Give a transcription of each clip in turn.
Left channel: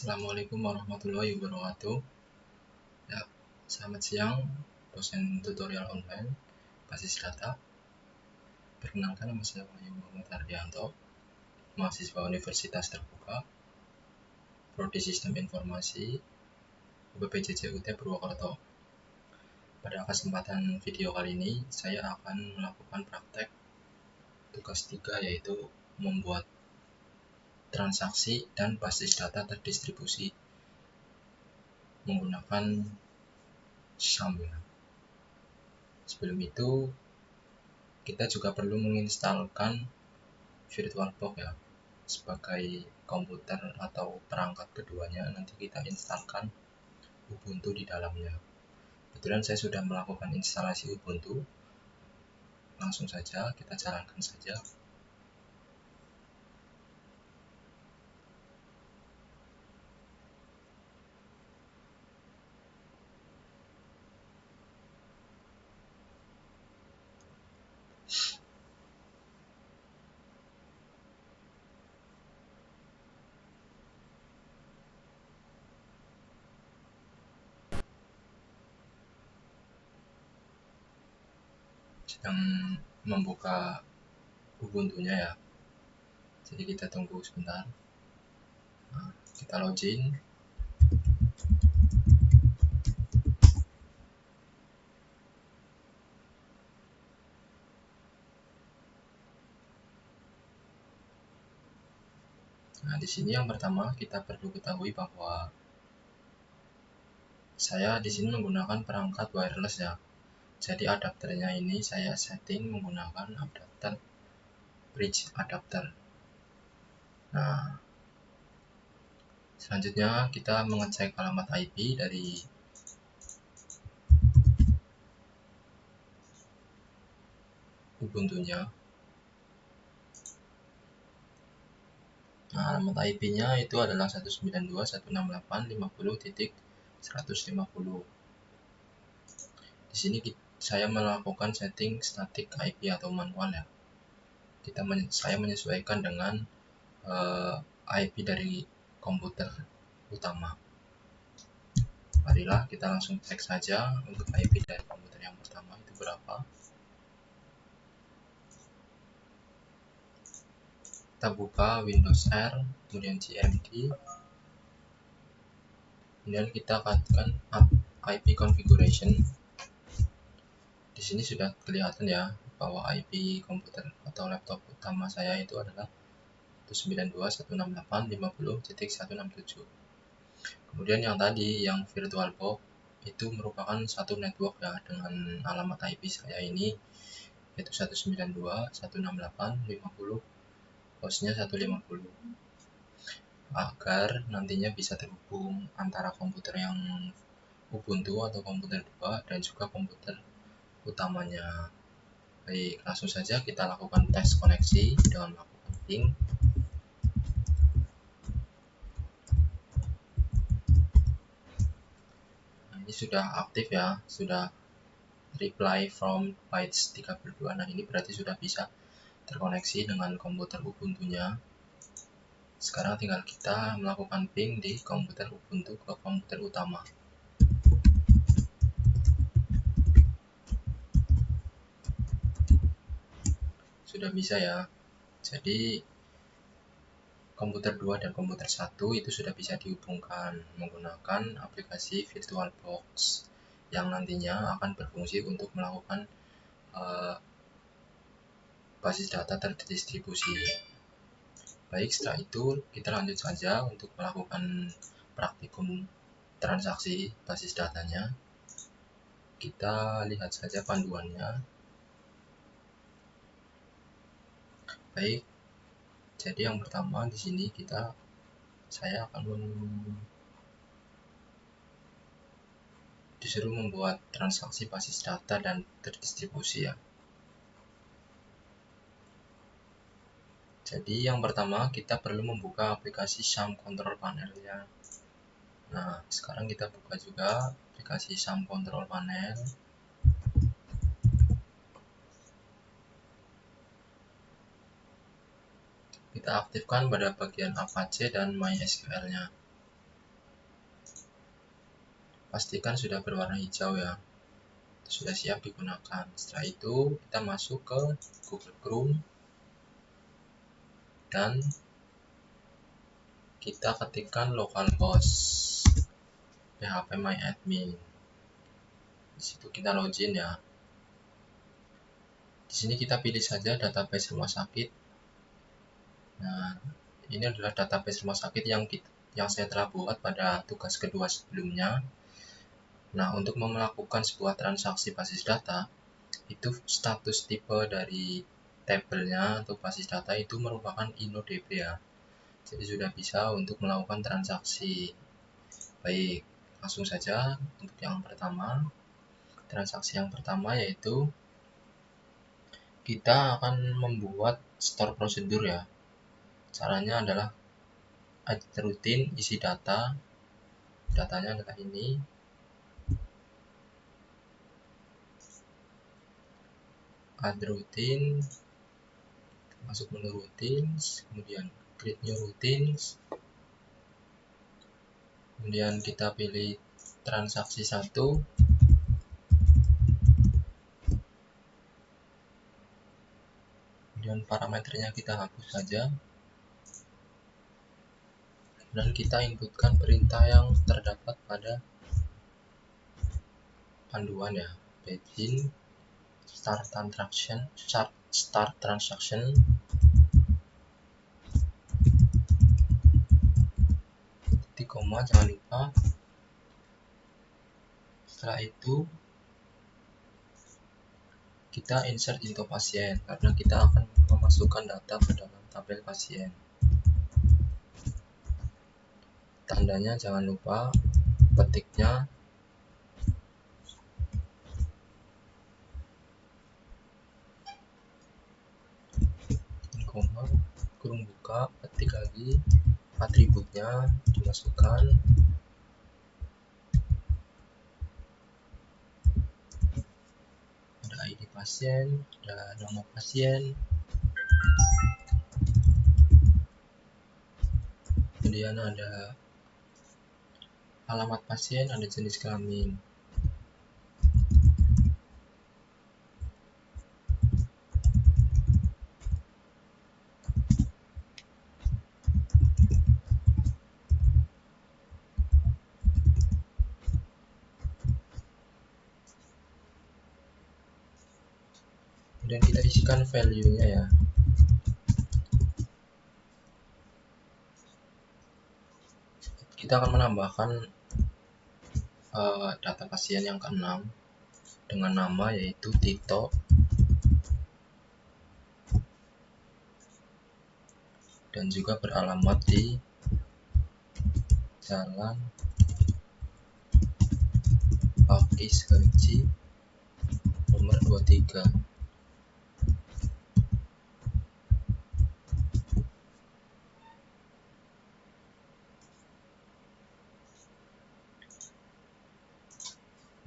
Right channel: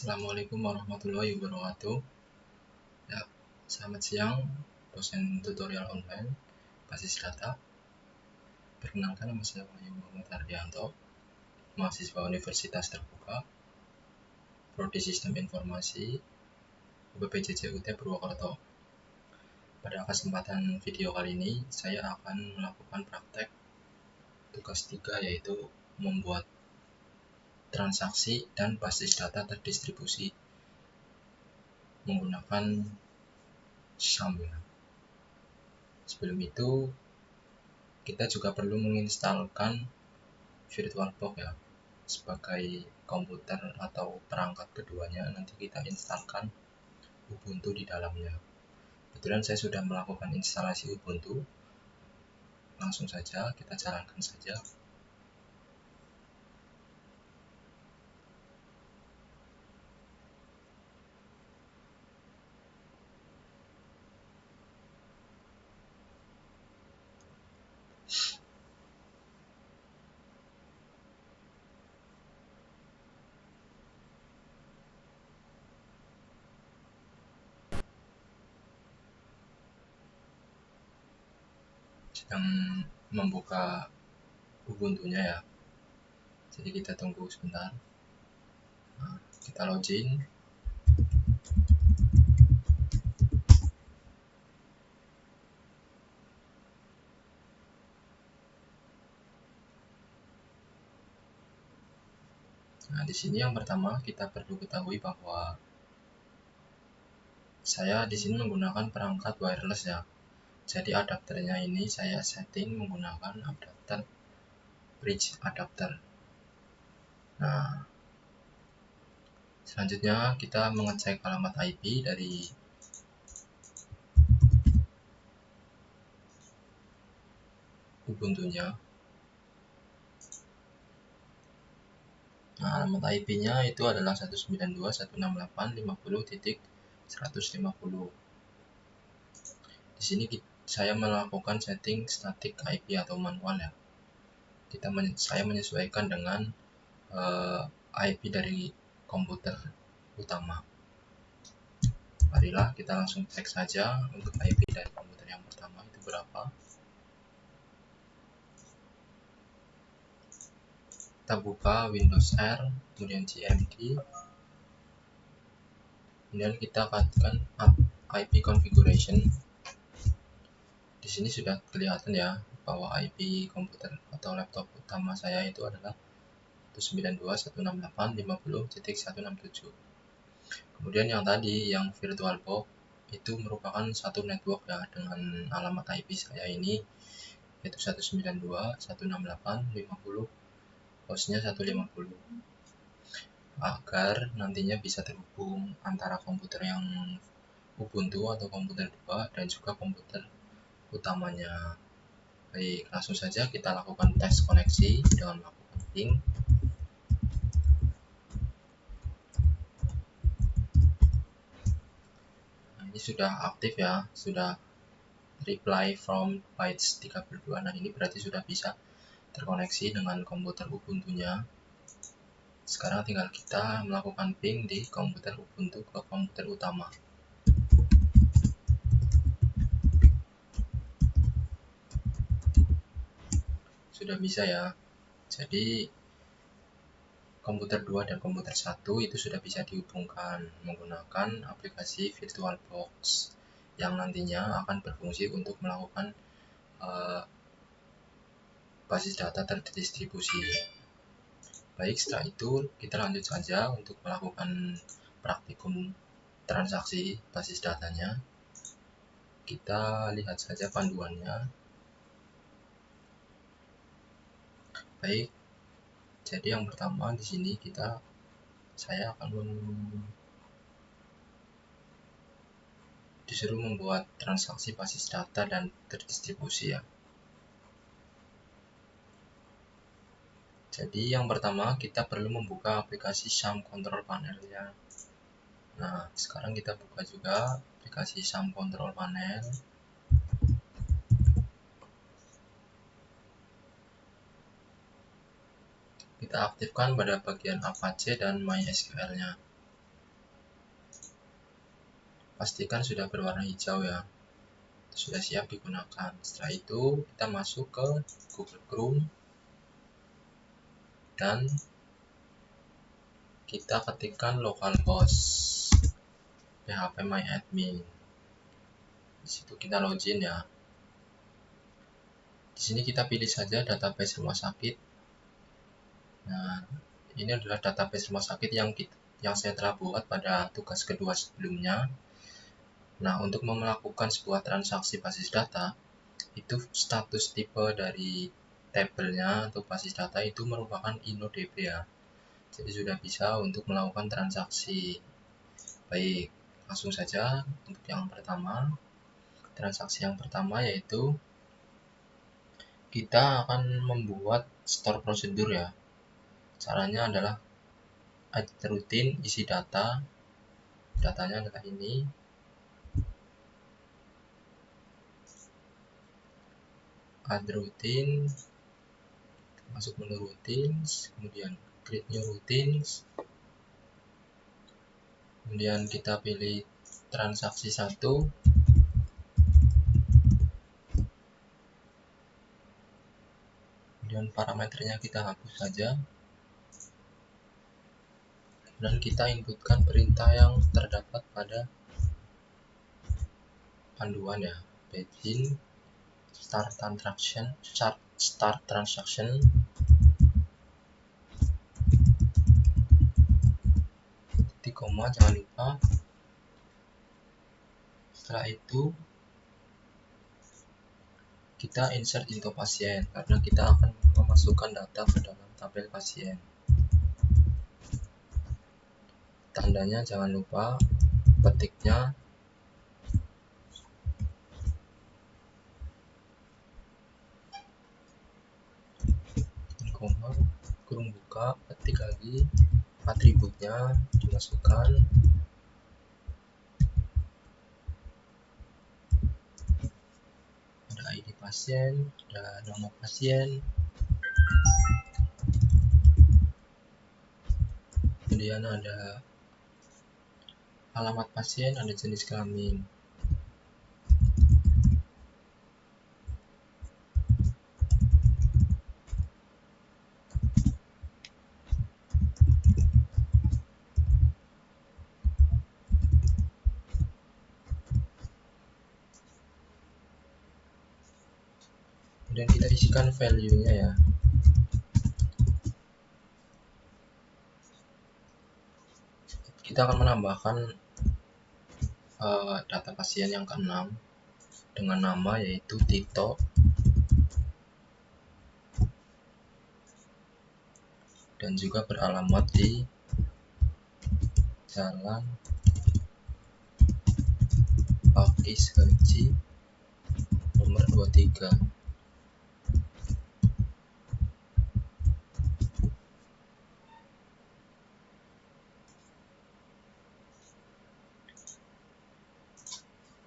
Assalamualaikum warahmatullahi wabarakatuh. Ya, selamat siang, dosen tutorial online basis data. Perkenalkan, nama saya Wahyu Muhammad Ardianto, mahasiswa Universitas Terbuka, Prodi Sistem Informasi, UPPJJ UT Purwokerto. Pada kesempatan video kali ini, saya akan melakukan praktek tugas 3, yaitu membuat transaksi dan basis data terdistribusi menggunakan SAM. Sebelum itu, kita juga perlu menginstalkan VirtualBox ya, sebagai komputer atau perangkat keduanya. Nanti kita instalkan Ubuntu di dalamnya. Kebetulan saya sudah melakukan instalasi Ubuntu. Langsung saja kita jalankan saja. Yang membuka Ubuntunya ya. Jadi kita tunggu sebentar. Kita login. Di sini yang pertama kita perlu ketahui bahwa saya di sini menggunakan perangkat wireless ya. Jadi adapternya ini saya setting menggunakan adapter bridge adapter. Nah, selanjutnya kita mengecek alamat IP dari Ubuntu-nya. Nah, alamat IP-nya itu adalah 192.168.50.150. Di sini saya melakukan setting static IP atau manual ya. Saya menyesuaikan dengan IP dari komputer utama. Marilah kita langsung cek saja untuk IP dari komputer yang pertama itu berapa. Kita buka Windows Share, kemudian GMD, kemudian kita lakukan IP configuration. Di sini sudah kelihatan ya bahwa IP komputer atau laptop utama saya itu adalah 192.168.50.167. Kemudian yang tadi yang VirtualBox itu merupakan satu network ya, dengan alamat IP saya ini yaitu 192.168.50, hostnya 150, agar nantinya bisa terhubung antara komputer yang Ubuntu atau komputer 2 dan juga komputer utamanya. Baik, langsung saja kita lakukan tes koneksi dengan melakukan ping. Ini sudah aktif ya, sudah reply from Pais 32. Nah, ini berarti sudah bisa terkoneksi dengan komputer Ubuntu-nya. Sekarang tinggal kita melakukan ping di komputer Ubuntu ke komputer utama. Sudah bisa ya. Jadi komputer 2 dan komputer 1 itu sudah bisa dihubungkan menggunakan aplikasi VirtualBox yang nantinya akan berfungsi untuk melakukan basis data terdistribusi. Baik, setelah itu kita lanjut saja untuk melakukan praktikum transaksi basis datanya. Kita lihat saja panduannya. Baik, jadi yang pertama di sini saya akan disuruh membuat transaksi basis data dan terdistribusi ya. Jadi yang pertama kita perlu membuka aplikasi SAM Control Panel ya. Nah, sekarang kita buka juga aplikasi SAM Control Panel. Kita aktifkan pada bagian Apache dan MySQL-nya. pastikan sudah berwarna hijau ya, sudah siap digunakan. Setelah itu kita masuk ke Google Chrome dan kita ketikkan localhost phpMyAdmin. Di situ kita login ya. Di sini kita pilih saja database rumah sakit. Nah, ini adalah database rumah sakit yang saya telah buat pada tugas kedua sebelumnya. Nah, untuk melakukan sebuah transaksi basis data, itu status tipe dari tabelnya untuk basis data itu merupakan InnoDB ya. Jadi sudah bisa untuk melakukan transaksi. Baik, langsung saja untuk yang pertama. Transaksi yang pertama yaitu kita akan membuat store prosedur ya. Caranya adalah add rutin, isi datanya kayak ini. Add rutin, masuk menu routines, kemudian klik new routines, kemudian kita pilih transaksi 1, kemudian parameternya kita hapus saja, dan kita inputkan perintah yang terdapat pada panduan ya, begin start transaction, titik koma, jangan lupa. Setelah itu kita insert di pasien karena kita akan memasukkan data ke dalam tabel pasien. Tandanya jangan lupa petiknya. Kurung buka, ketik lagi, atributnya dimasukkan, ada ID pasien, ada nama pasien, kemudian ada alamat pasien, ada jenis kelamin. Kemudian kita isikan value-nya ya. Kita akan menambahkan data pasien yang ke-6 dengan nama yaitu Tito, dan juga beralamat di Jalan Pakis Haji nomor 23.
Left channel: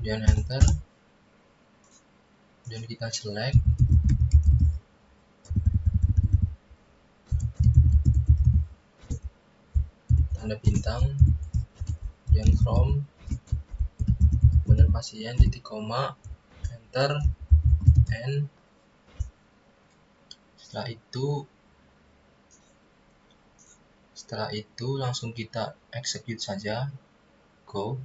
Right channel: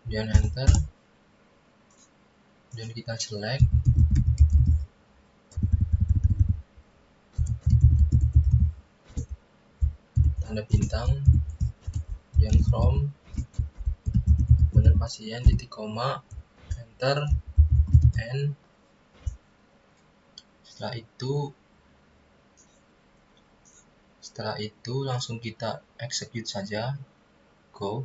Kemudian enter, dan kita select, tanda bintang, dan from, kemudian pasien, titik koma, enter, and setelah itu langsung kita execute saja, go.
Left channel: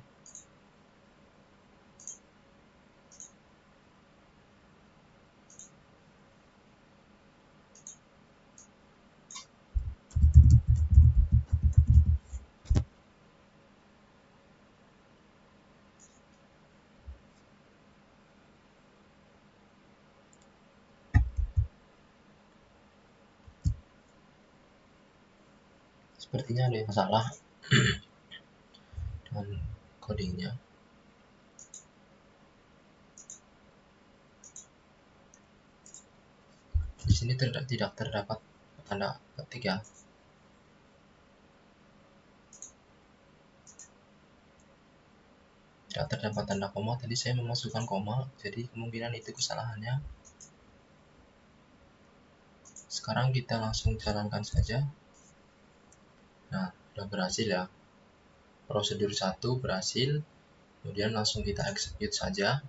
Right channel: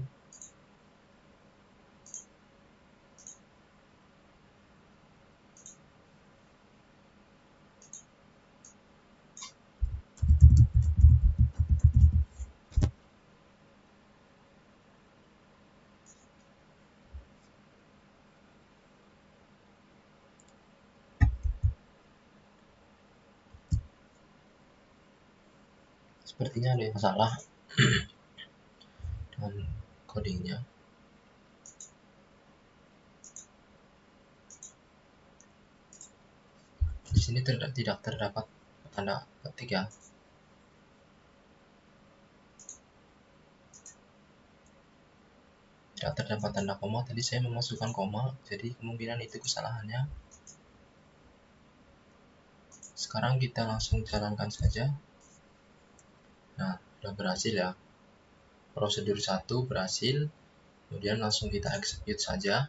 Sepertinya ada yang salah dengan kodenya. Di sini tidak terdapat tanda petik ya. Tidak terdapat tanda koma, jadi saya memasukkan koma, jadi kemungkinan itu kesalahannya. Sekarang kita langsung jalankan saja. Nah, sudah berhasil ya. Prosedur 1 berhasil, Kemudian langsung kita execute saja.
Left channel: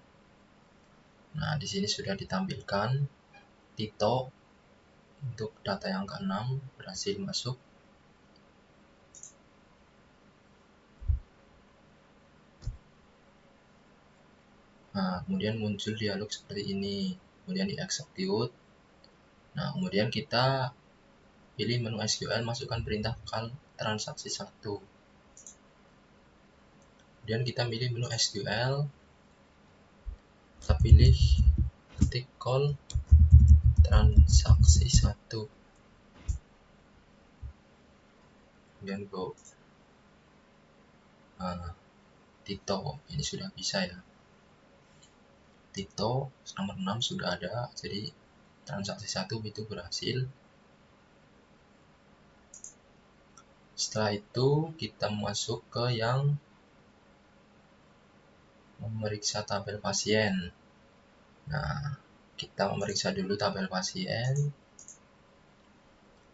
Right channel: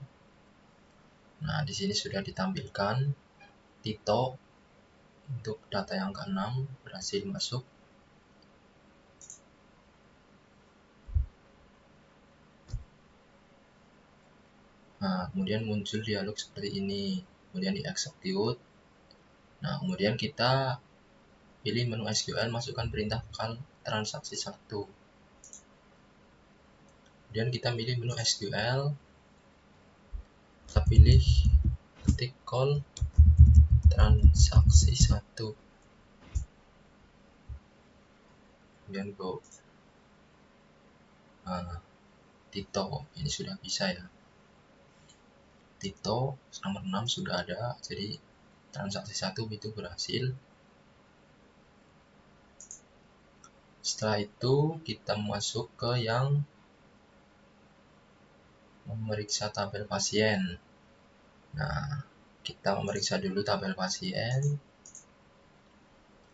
Nah, di sini sudah ditampilkan Tito untuk data yang ke-6 berhasil masuk. Nah, kemudian muncul dialog seperti ini, kemudian di execute. Nah, kemudian kita pilih menu SQL, masukkan perintah transaksi 1. Kemudian kita pilih menu SQL, kita pilih titik call transaksi 1, kemudian go. Nah, Tito ini sudah bisa ya. Tito sekarang 6 sudah ada, jadi transaksi 1 itu berhasil. Setelah itu kita masuk ke yang memeriksa tabel pasien. Nah, kita memeriksa dulu tabel pasien.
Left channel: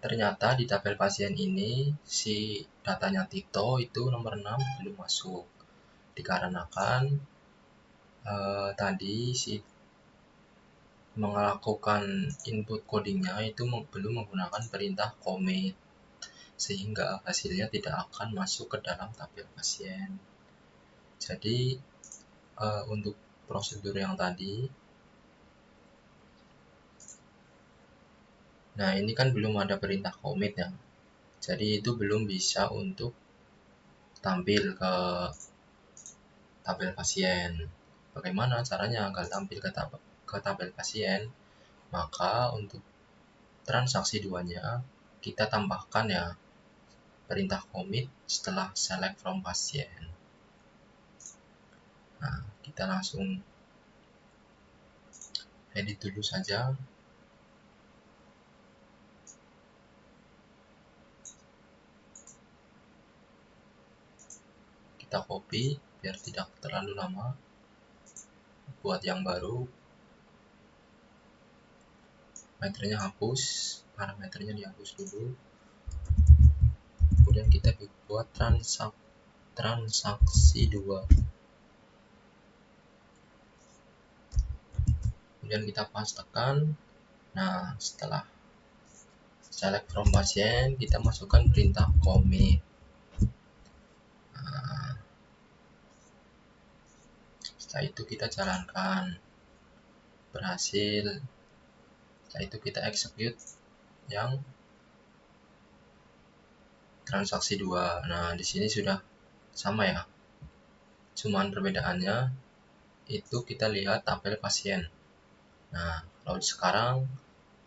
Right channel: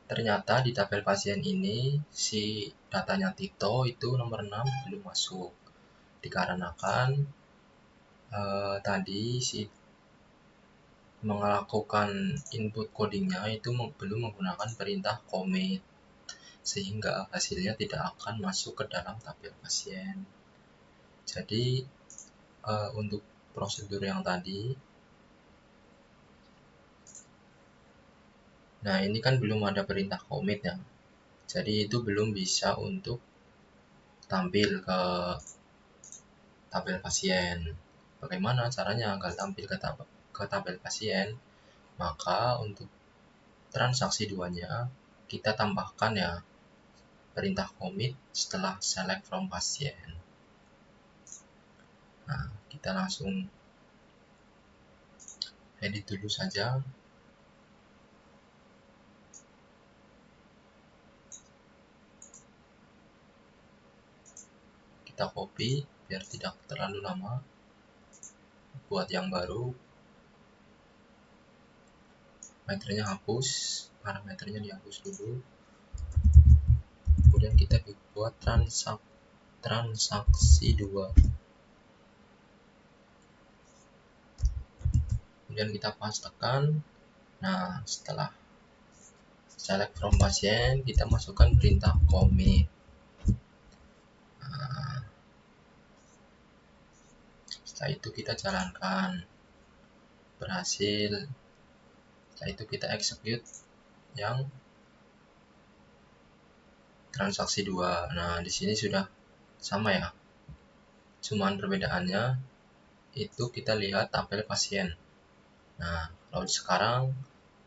Ternyata di tabel pasien ini si datanya Tito itu nomor 6 belum masuk, dikarenakan tadi si melakukan input codingnya itu belum menggunakan perintah commit, sehingga hasilnya tidak akan masuk ke dalam tabel pasien. Jadi untuk prosedur yang tadi, nah ini kan belum ada perintah commit ya, jadi itu belum bisa untuk tampil ke tabel pasien. Bagaimana caranya agar tampil ke tabel pasien? Maka untuk transaksi duanya kita tambahkan ya perintah commit setelah select from pasien. Nah, kita langsung edit dulu saja. Kita copy biar tidak terlalu lama. Buat yang baru, parameternya hapus, parameternya dihapus dulu. Kemudian kita buat transaksi 2. Kemudian kita pastekan. Nah, setelah select from pasien, kita masukkan perintah commit. Nah, setelah itu kita jalankan, berhasil. Setelah itu kita execute yang transaksi 2. Nah, di sini sudah sama ya. Cuman perbedaannya itu kita lihat tabel pasien. Nah, kalau sekarang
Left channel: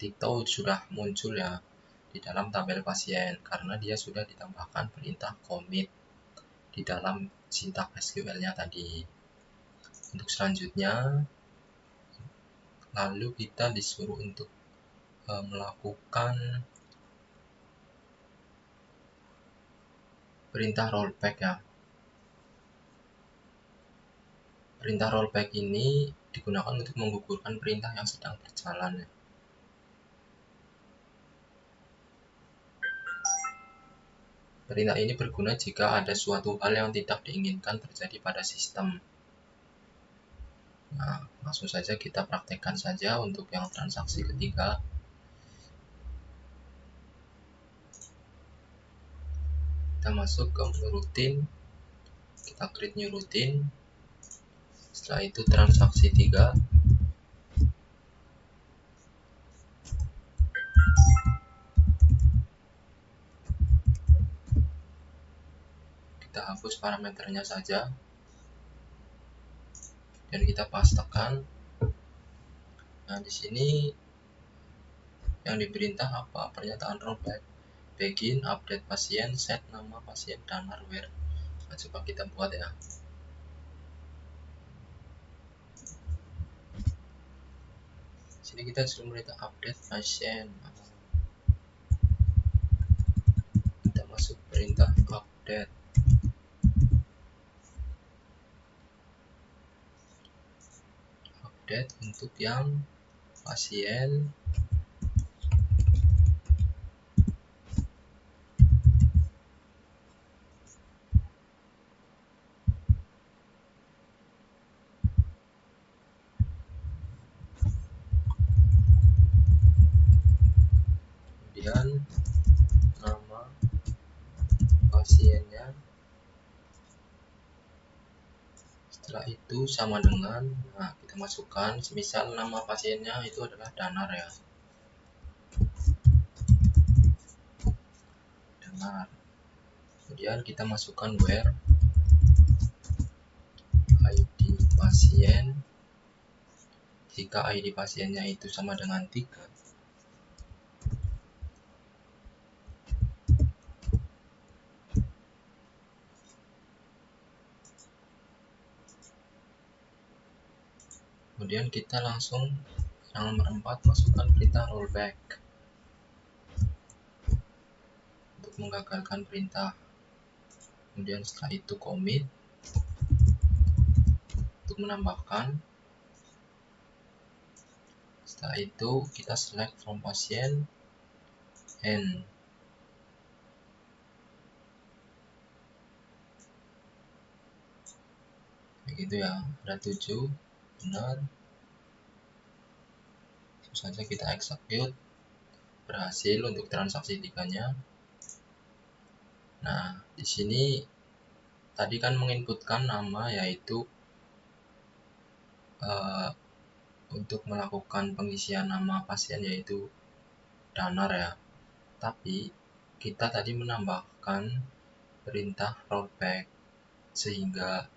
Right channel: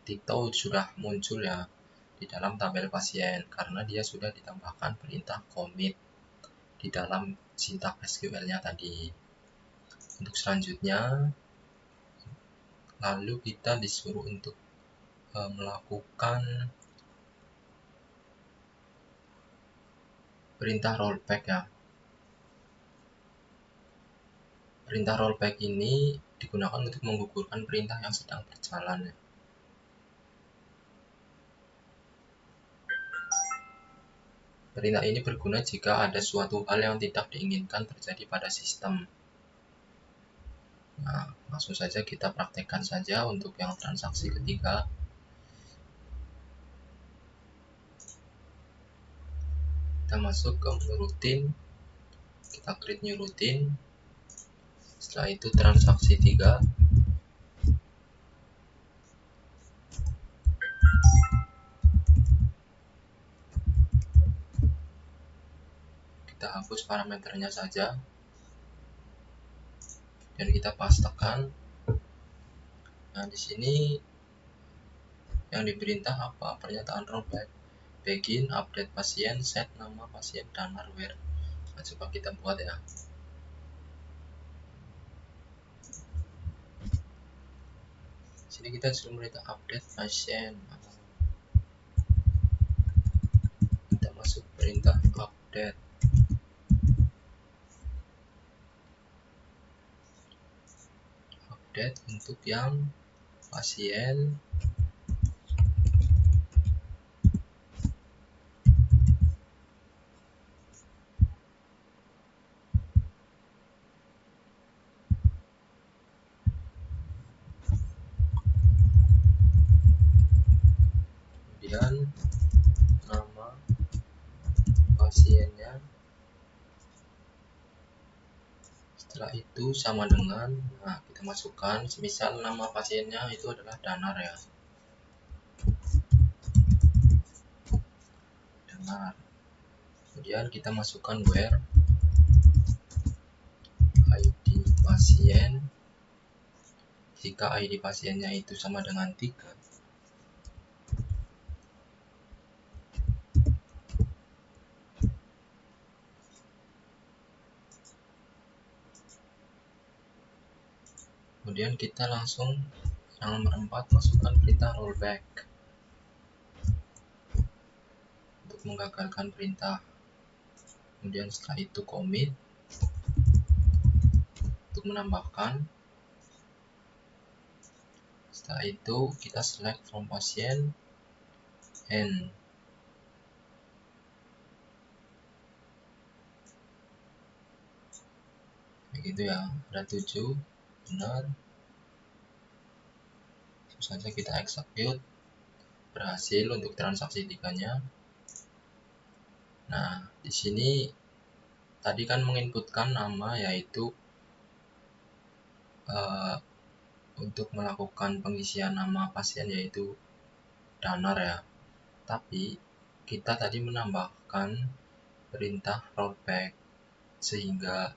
Tito sudah muncul ya di dalam tabel pasien karena dia sudah ditambahkan perintah commit di dalam sintak SQL-nya tadi. Untuk selanjutnya, lalu kita disuruh untuk melakukan perintah rollback ya. Perintah rollback ini digunakan untuk menggugurkan perintah yang sedang berjalan. Perintah ini berguna jika ada suatu hal yang tidak diinginkan terjadi pada sistem. Nah, langsung saja kita praktekkan saja untuk yang transaksi ketiga. Kita masuk ke routine, kita create new routine. Setelah itu transaksi 3. Kita hapus parameternya saja dan kita pastekan. Nah, di sini yang diperintah apa? Pernyataan rollback, begin, update pasien, set nama pasien dan hardware. Nah, coba kita buat ya. Jadi kita sudah update pasien. Kita masuk perintah update. Update untuk yang pasien Setelah itu sama dengan, kita masukkan misal nama pasiennya itu adalah Danar ya, Danar. Kemudian kita masukkan where ID pasien, jika ID pasiennya itu sama dengan 3, kemudian kita langsung yang nomor 4 masukkan perintah rollback untuk menggagalkan perintah. Kemudian setelah itu commit untuk menambahkan. Setelah itu kita select from pasien and begitu ya, ada 7 benar. Terus nanti kita execute, berhasil untuk transaksi 3-nya. Nah, di sini tadi kan menginputkan nama yaitu untuk melakukan pengisian nama pasien yaitu Danar ya. Tapi kita tadi menambahkan perintah rollback sehingga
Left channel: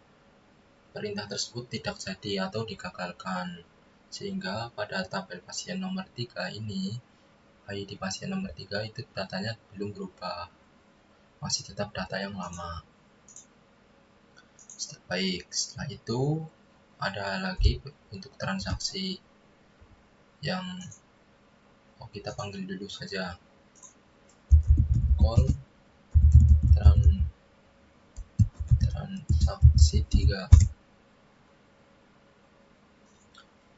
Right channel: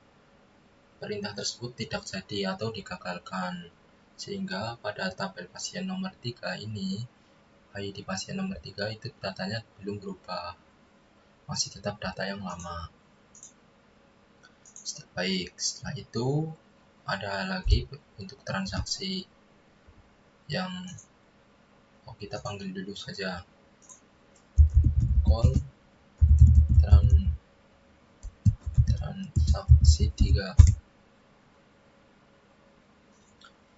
perintah tersebut tidak jadi atau digagalkan, sehingga pada tabel pasien nomor 3 ini ID pasien nomor 3 itu datanya belum berubah, masih tetap data yang lama. Baik, setelah itu ada lagi untuk transaksi yang kita panggil dulu saja call transaksi 3.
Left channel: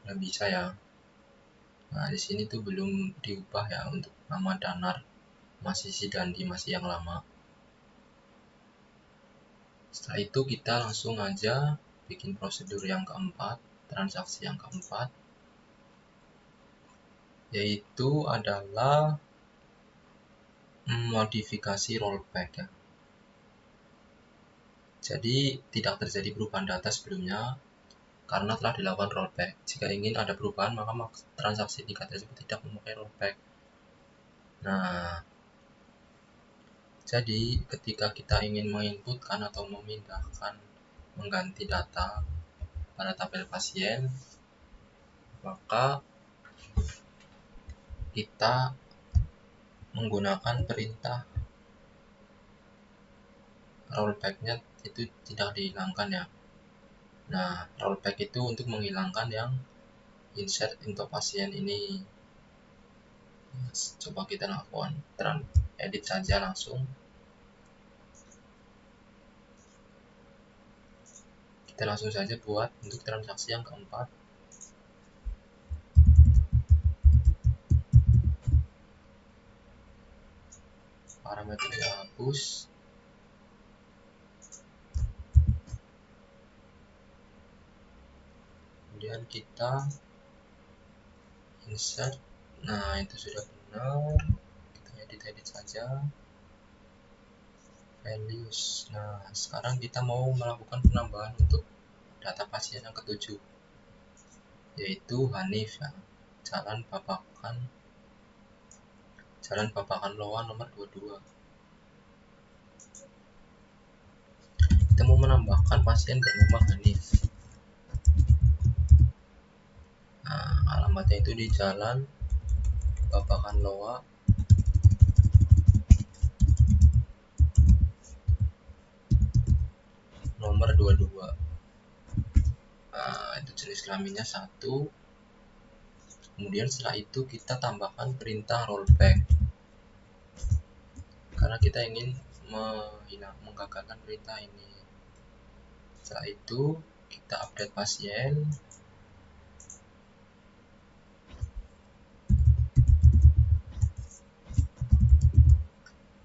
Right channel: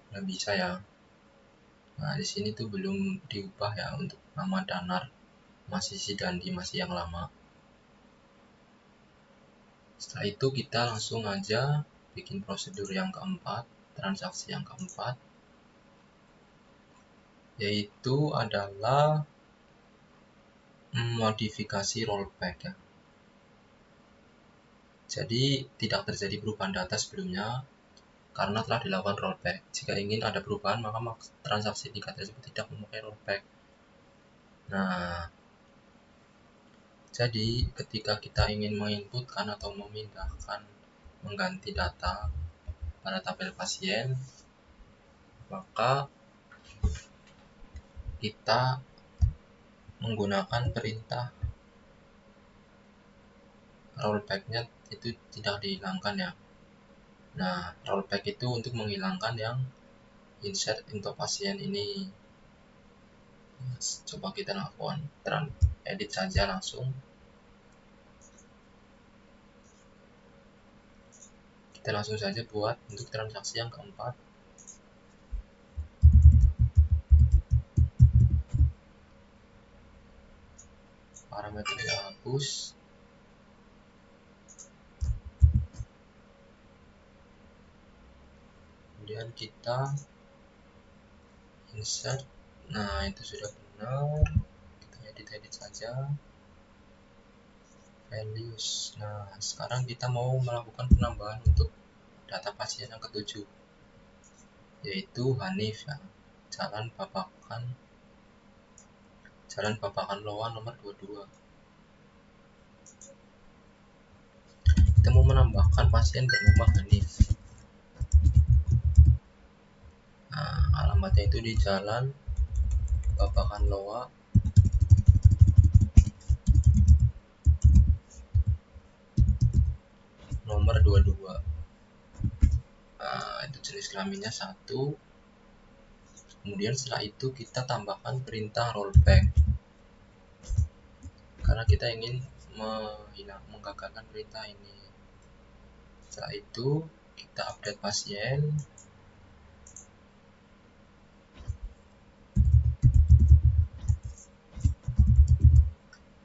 Nggak bisa ya. Nah, di sini tuh belum diubah ya untuk nama Danar, masih diganti masih yang lama. Setelah itu kita langsung aja bikin prosedur yang keempat, transaksi yang keempat, yaitu adalah modifikasi rollback ya. Jadi tidak terjadi perubahan data sebelumnya karena telah dilakukan rollback. Jika ingin ada perubahan maka transaksi tersebut tidak mempunyai rollback. Nah, jadi ketika kita ingin menginputkan atau memindahkan, mengganti data pada tabel pasien, maka kita menggunakan perintah rollback-nya itu tidak dihilangkan ya. Nah, rollback itu untuk menghilangkan yang insert info pasien ini. Coba kita lakukan edit saja langsung. Kita langsung saja buat untuk transaksi yang keempat. Parameter kita hapus. Kemudian kita insert. Nah, itu sudah benar. Kita edit saja. Values. Nah, sekarang kita mau melakukan penambahan untuk data pasien yang ke-7, yaitu Hanif ya. Jalan Babakan Loa nomor 22. Kita mau menambahkan pasien bernama Hanif. Nah, alamatnya itu di Jalan Babakan Loa nomor 22. Nah, itu jenis kelaminnya 1. Kemudian setelah itu kita tambahkan perintah rollback karena kita ingin menggagalkan perintah ini. Setelah itu kita update pasien.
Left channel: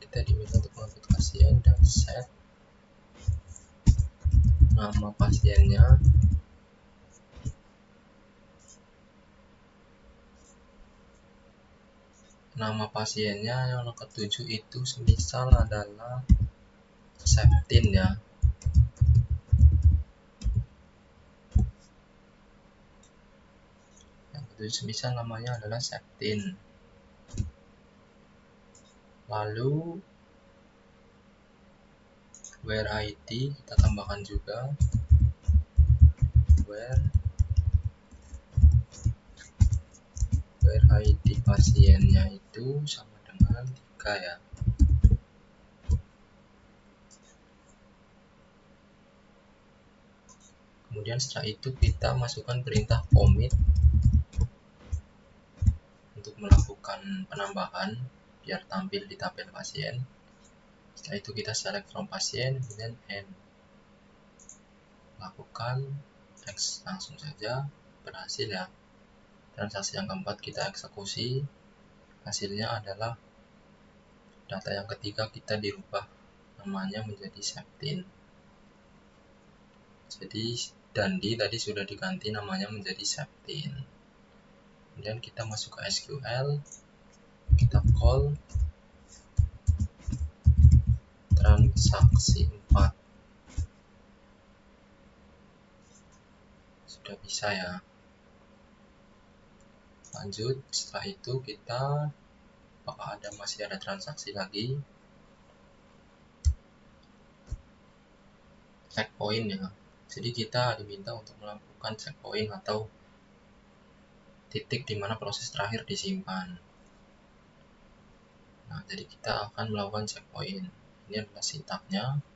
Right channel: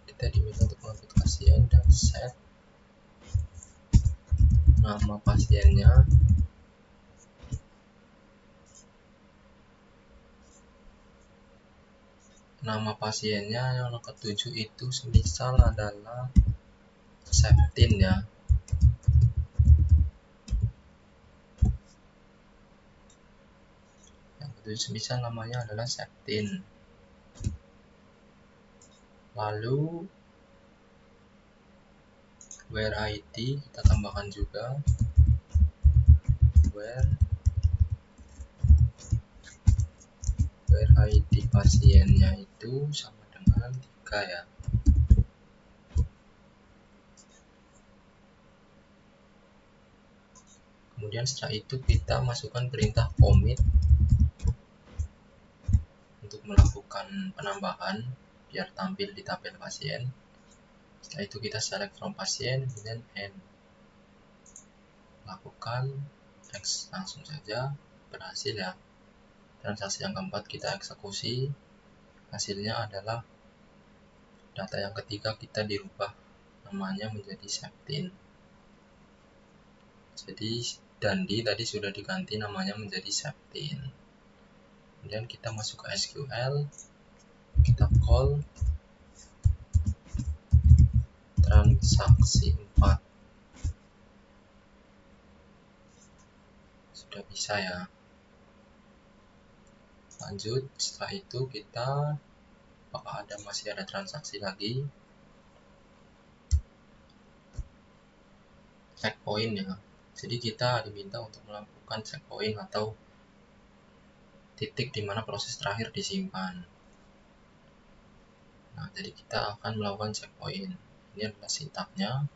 Kita diminta untuk mengupdate pasien dan set nama pasiennya. Nama pasiennya nomor 7 itu semisal adalah Septin ya. Itu semisal namanya adalah septin. Lalu where id kita tambahkan juga where id pasiennya itu sama dengan 3 ya. Kemudian setelah itu kita masukkan perintah commit untuk melakukan penambahan biar tampil di tabel pasien. Setelah itu kita select from pasien dan end. Lakukan next, langsung saja berhasil ya. Transaksi yang keempat kita eksekusi, hasilnya adalah data yang ketiga kita dirubah namanya menjadi septin. Jadi Dandi tadi sudah diganti namanya menjadi septin. Kemudian kita masuk ke SQL, kita call transaksi 4. Sudah bisa ya. Lanjut, setelah itu kita masih ada transaksi lagi, checkpoint ya. Jadi kita diminta untuk melakukan checkpoint atau titik di mana proses terakhir disimpan. Nah, jadi kita akan melakukan checkpoint. Ini adalah sintaknya.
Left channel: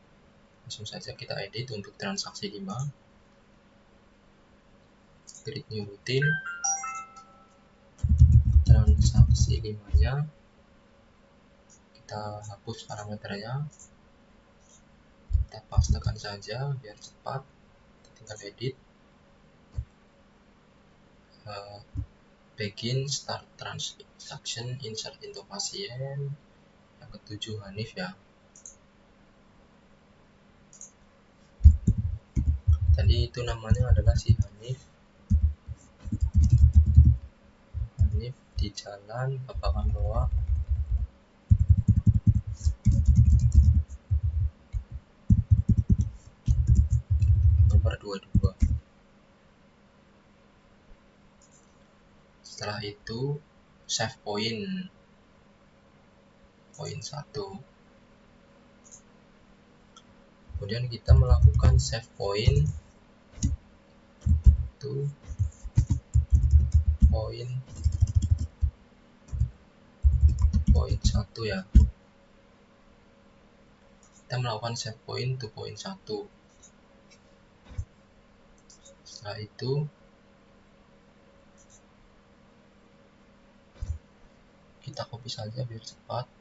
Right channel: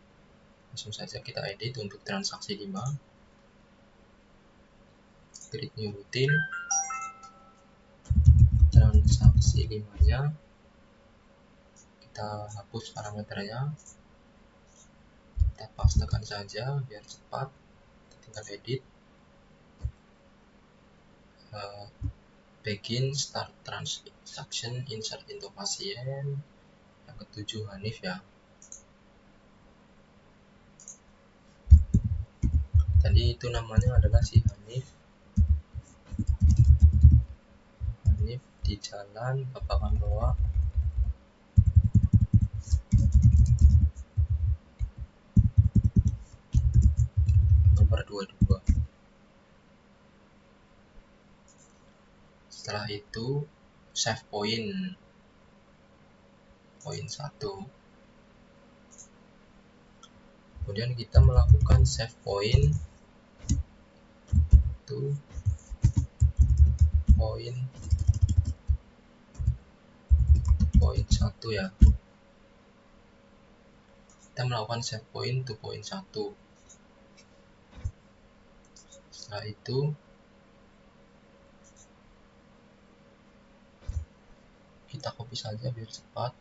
Langsung saja kita edit untuk transaksi 5. Create new routine. Transaksi 5-nya kita hapus parameternya. Kita paksakan saja biar cepat. Kita edit. Begin start transaction insert into pasien. Yang ketujuh Hanif ya. Tadi itu namanya adalah si Hanif di jalan Bapak Manoa nomor 22. Setelah itu save point 1. Kemudian kita melakukan save point to point 1 ya. Kita melakukan save point to point 1. Setelah itu kita copy saja biar cepat.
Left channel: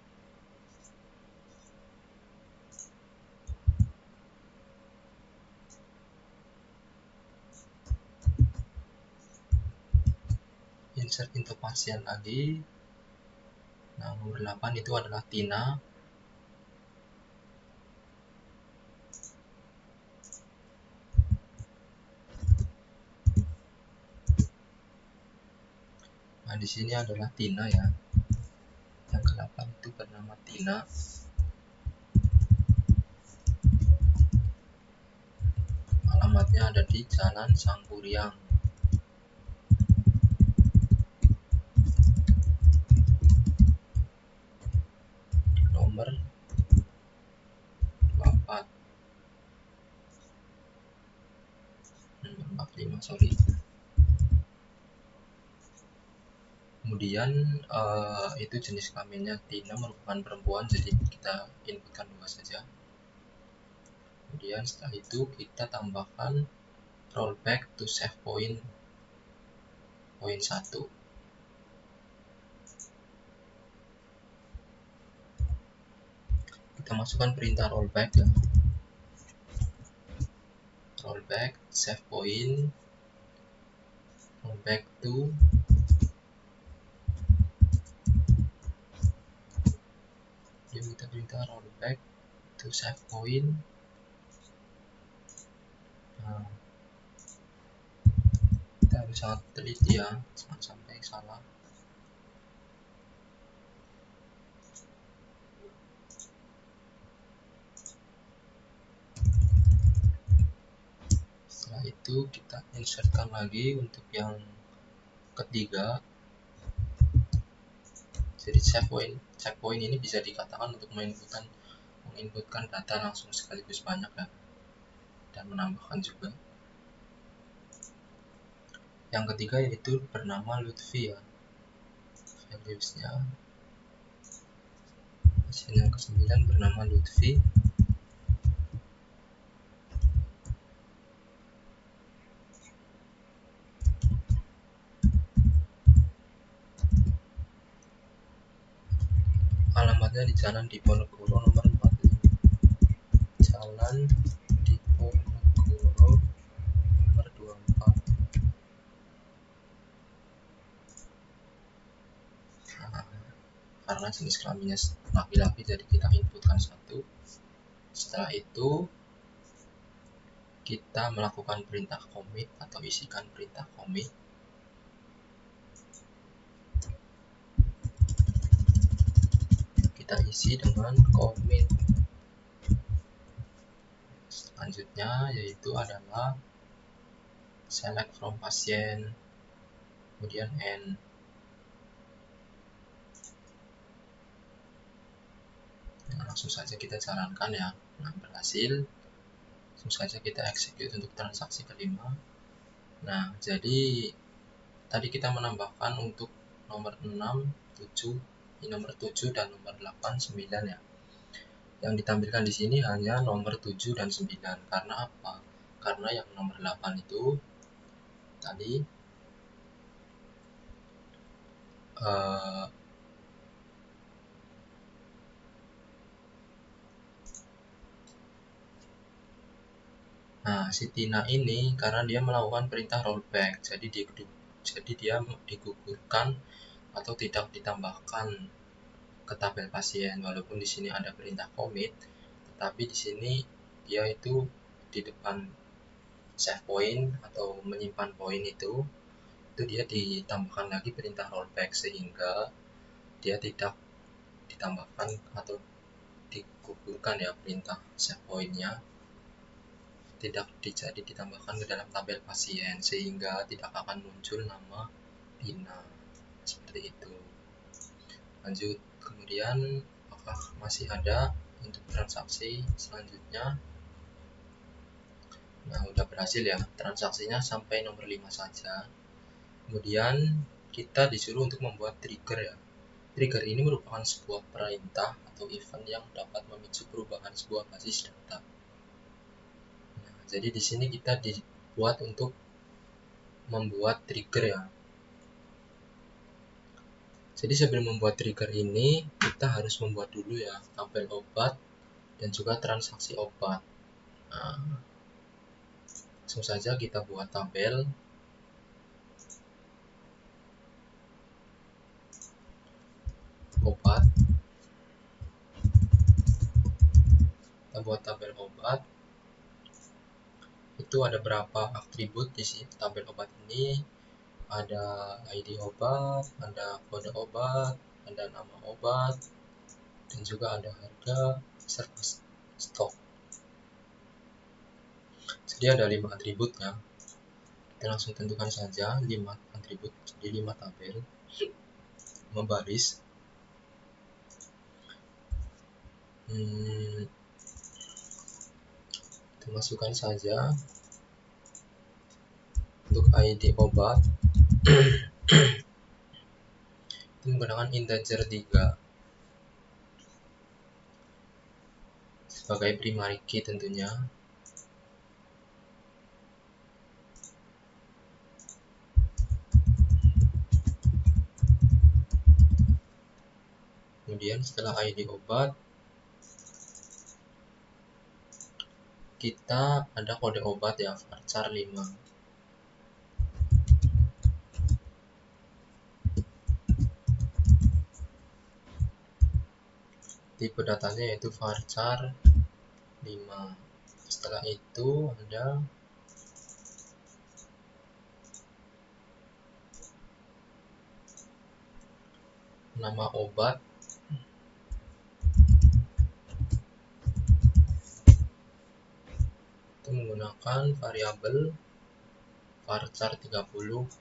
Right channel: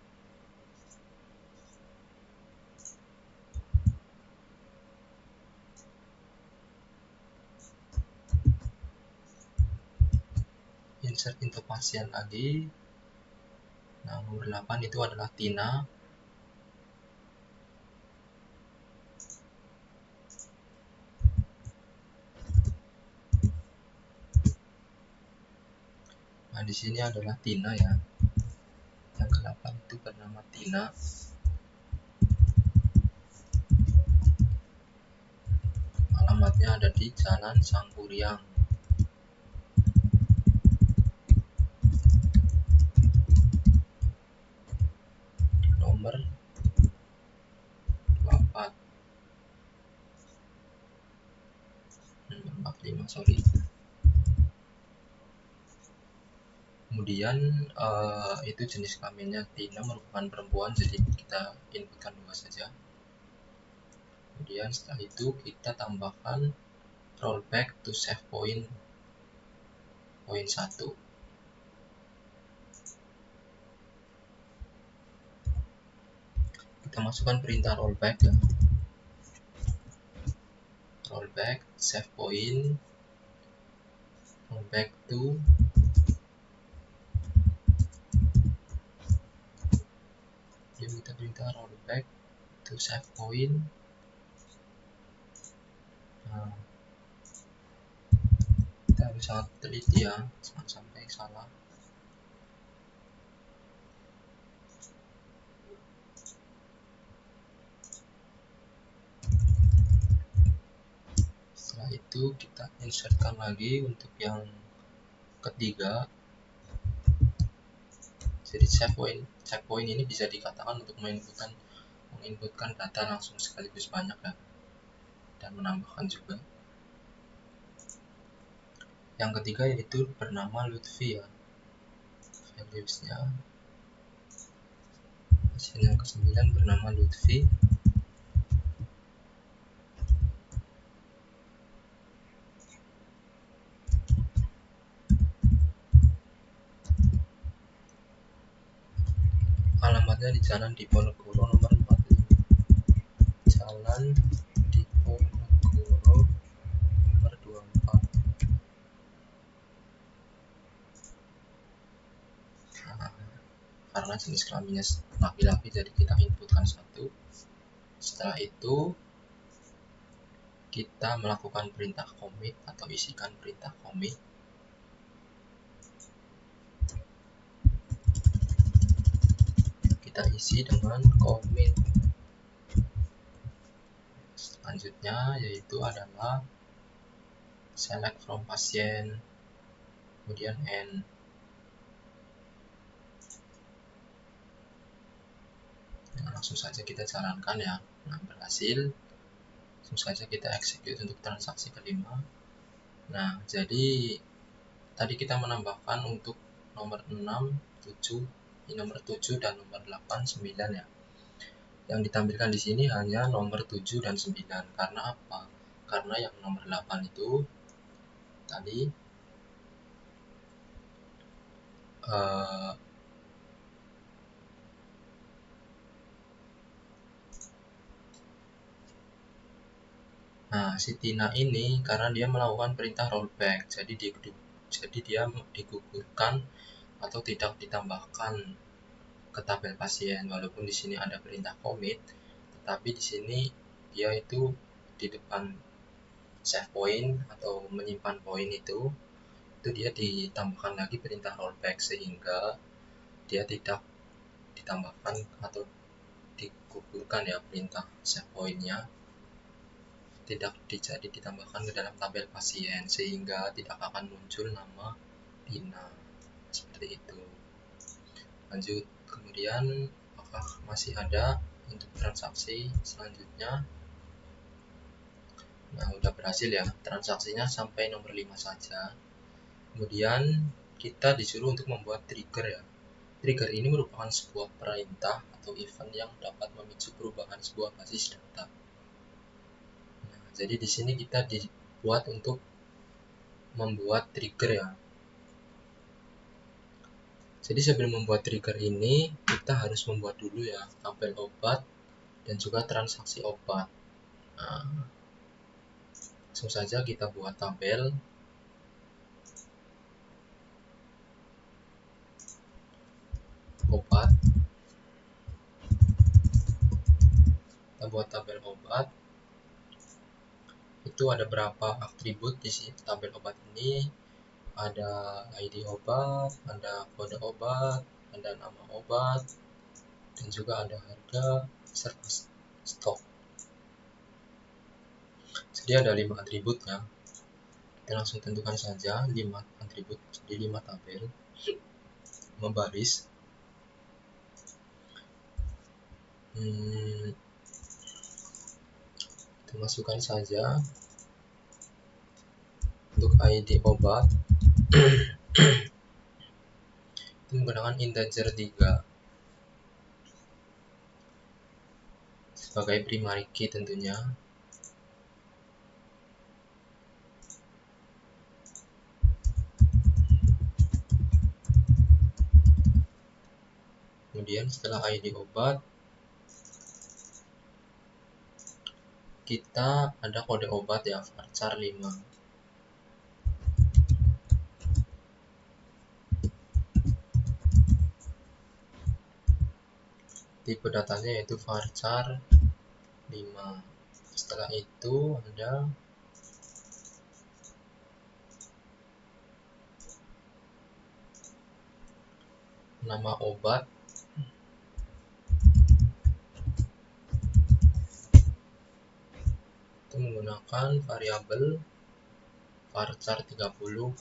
Insert into pasien lagi. Nah, nomor 8 itu adalah Tina. Nah, di sini adalah Tina ya. Yang ke-8 itu bernama Tina. Alamatnya ada di Jalan Sangguriang. Nomor 4. Kemudian itu jenis kelaminnya Tina merupakan perempuan, jadi kita inputkan 2 saja. Kemudian setelah itu kita tambahkan rollback to save point 1. Kita masukkan perintah rollback save point rollback to rollback to save point. Nah, kita bisa teliti ya, jangan sampai salah. Setelah itu kita insertkan lagi untuk yang ketiga. Jadi checkpoint ini bisa dikatakan untuk menginputkan data langsung sekaligus banyak ya, dan menambahkan juga. Yang ketiga yaitu bernama Lutfi ya, valuesnya. Sini yang ke-9 bernama Lutfi. Alamatnya di sana di Ponorogo nomor 4, Jalan Diponegoro nomor 24. Karena jenis kelaminnya laki-laki, jadi kita inputkan 1. Setelah itu kita melakukan perintah commit atau isikan perintah commit. Kita isi dengan commit. Selanjutnya yaitu adalah select from pasien, kemudian end. Langsung saja kita jalankan ya. Nah, berhasil. Langsung saja kita execute untuk transaksi kelima. Nah, jadi tadi kita menambahkan untuk nomor 6, 7, nomor 7 dan nomor 8, 9 ya. Yang ditampilkan di sini hanya nomor 7 dan 9. Karena apa? Karena yang nomor 8 itu tadi si Tina ini karena dia melakukan perintah rollback, jadi dia digugurkan atau tidak ditambahkan ke tabel pasien. Walaupun di sini ada perintah commit, tapi di sini dia itu di depan save point atau menyimpan poin itu dia ditambahkan lagi perintah rollback, sehingga dia tidak ditambahkan atau digugurkan ya perintah save pointnya, tidak ditambahkan dalam tabel pasien, sehingga tidak akan muncul nama Tina seperti itu. Lanjut, kemudian apakah masih ada untuk transaksi selanjutnya? Nah, sudah berhasil ya, transaksinya sampai 05 saja. Kemudian kita disuruh untuk membuat trigger ya. Trigger ini merupakan sebuah perintah atau event yang dapat memicu perubahan sebuah basis data. Jadi di sini kita dibuat untuk membuat trigger ya. Jadi sebelum membuat trigger ini kita harus membuat dulu ya tabel obat dan juga transaksi obat. Nah, langsung saja kita buat tabel. Obat. Kita buat tabel obat. Itu ada berapa atribut di tabel obat ini? Ada ID obat, ada kode obat, ada nama obat, dan juga ada harga serta stok. Jadi ada 5 atribut ya. Kita langsung tentukan saja 5 atribut jadi 5 tabel membaris. Kita masukkan saja untuk ID obat menggunakan integer 3 sebagai primary key tentunya. Kemudian setelah ID obat kita ada kode obat ya, varchar 5. Tipe datanya yaitu varchar 5. Setelah itu Anda nama obat menggunakan variabel varchar 30.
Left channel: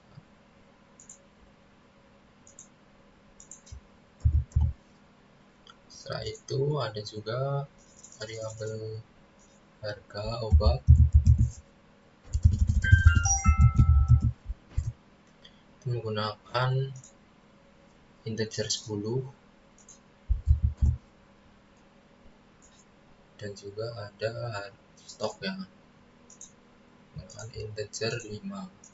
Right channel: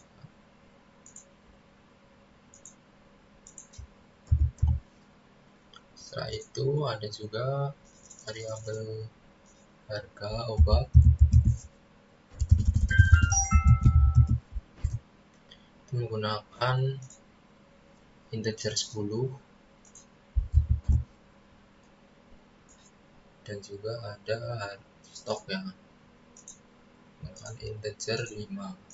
Setelah itu ada juga variabel harga obat menggunakan integer 10 dan juga ada stok yang menggunakan integer 5.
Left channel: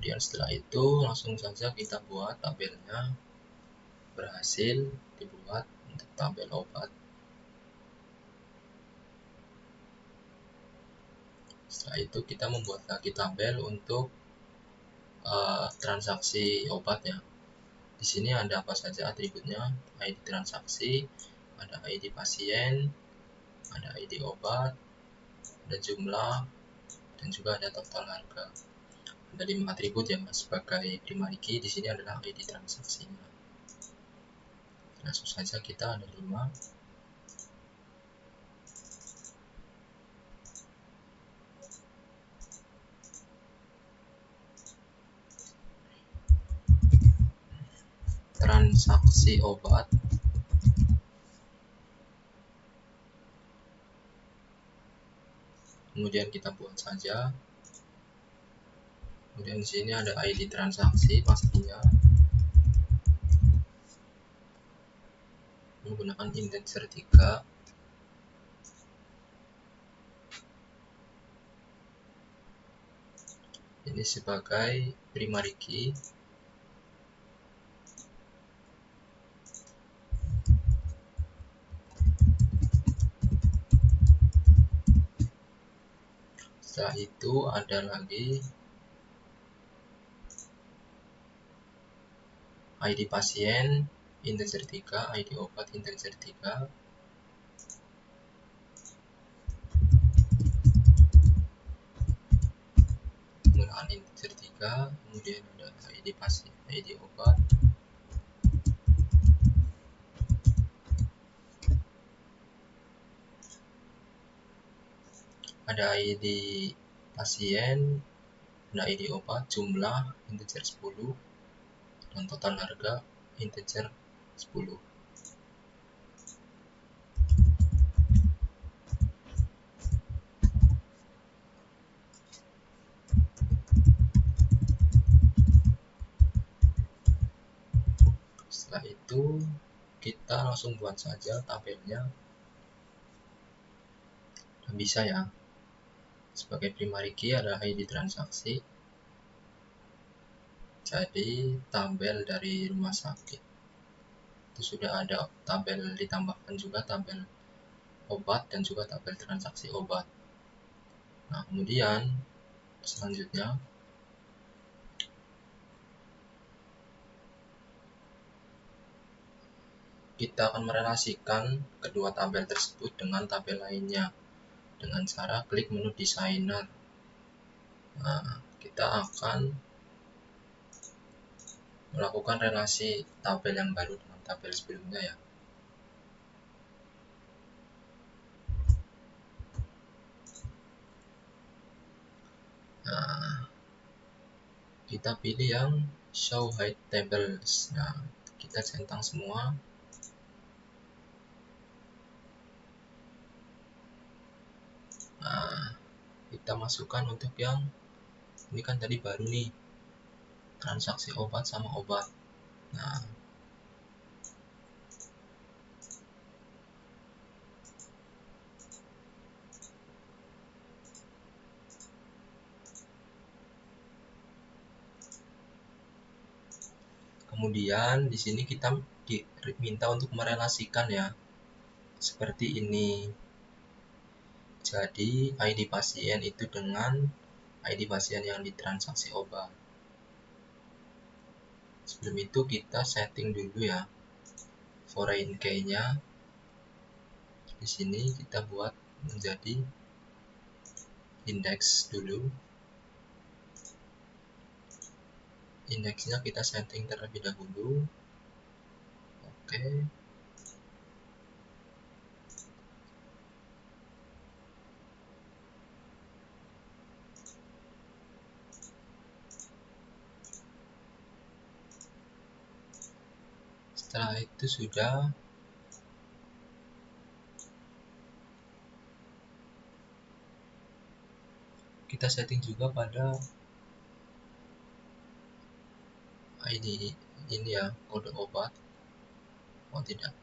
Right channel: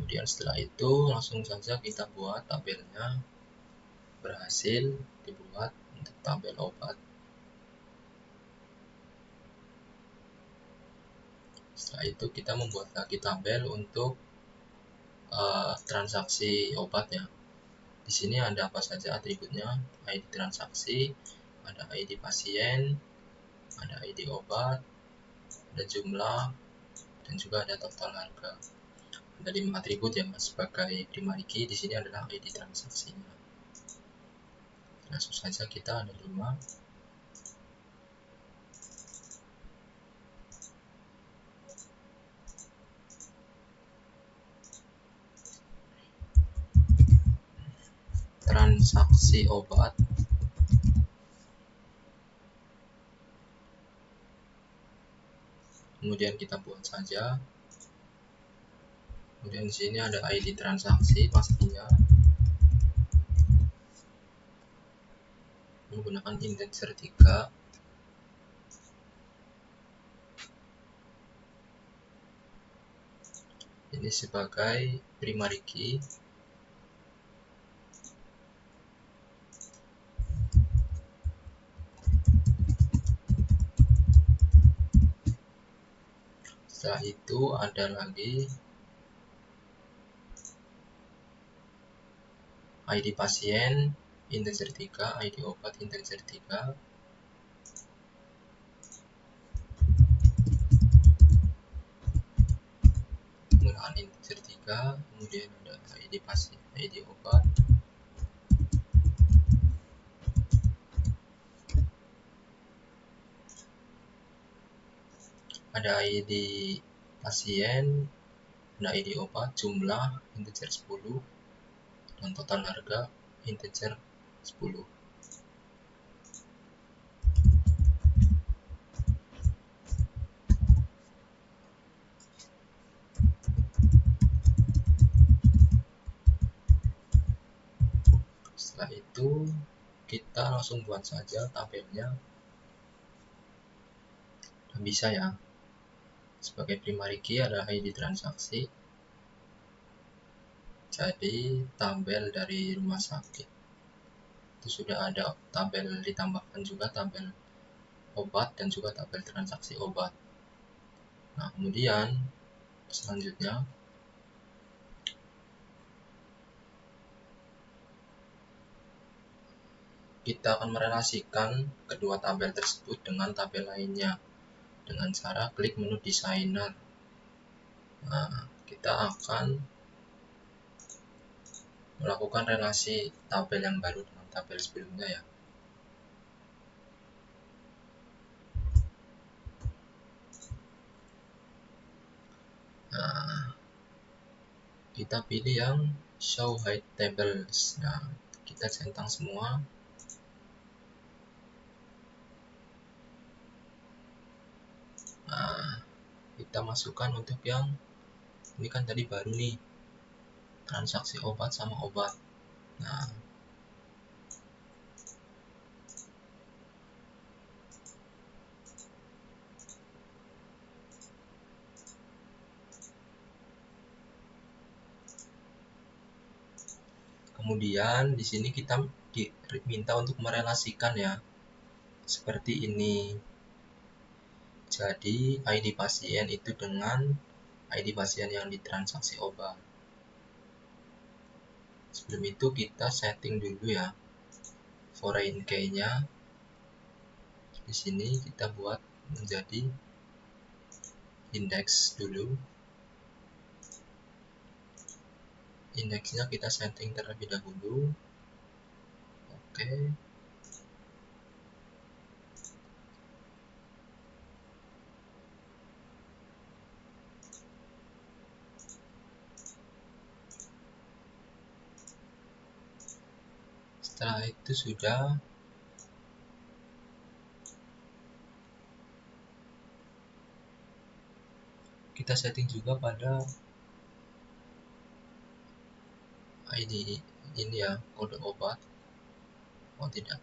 Kemudian setelah itu langsung saja kita buat tabelnya. Berhasil dibuat untuk tabel obat. Setelah itu kita membuat lagi tabel untuk transaksi obatnya. Di sini ada apa saja atributnya: ID transaksi, ada ID pasien, ada ID obat, ada jumlah, dan juga ada total harga. Ada 5 atribut ya sebagai dimiliki. Di sini ada ID transaksinya. Langsung saja kita ada 5. Transaksi obat, kemudian kita buat saja. Kemudian di sini ada ID transaksi pastinya menggunakan integer 3. Ini sebagai primary key. Setelah itu ada lagi ID pasien integer 3, ID obat integer 3. Menggunakan integer 3, kemudian ada ID pasien, ID obat. Ada ID pasien, ada ID obat, jumlah integer 10, dan total harga integer 10. Setelah itu kita langsung buat saja tabelnya. Bisa ya. Sebagai primary key adalah ID transaksi. Jadi tabel dari rumah sakit itu sudah ada tabel, ditambahkan juga tabel obat dan juga tabel transaksi obat. Nah, kemudian selanjutnya kita merelasikan kedua tabel tersebut dengan tabel lainnya dengan cara klik menu designer. Nah, kita akan melakukan relasi tabel yang baru dengan tabel sebelumnya ya. Nah, kita pilih yang show by tables. Nah, kita centang semua. Nah, kita masukkan untuk yang ini kan tadi baru nih, transaksi obat sama obat. Nah, kemudian di sini kita diminta untuk merelasikan ya, seperti ini. Jadi ID pasien itu dengan ID pasien yang ditransaksi obat. Sebelum itu kita setting dulu ya foreign key-nya. Di sini kita buat menjadi index dulu. Indexnya kita setting terlebih dahulu. Oke. Setelah itu sudah kita setting juga pada ini ya, kode obat. Oh tidak,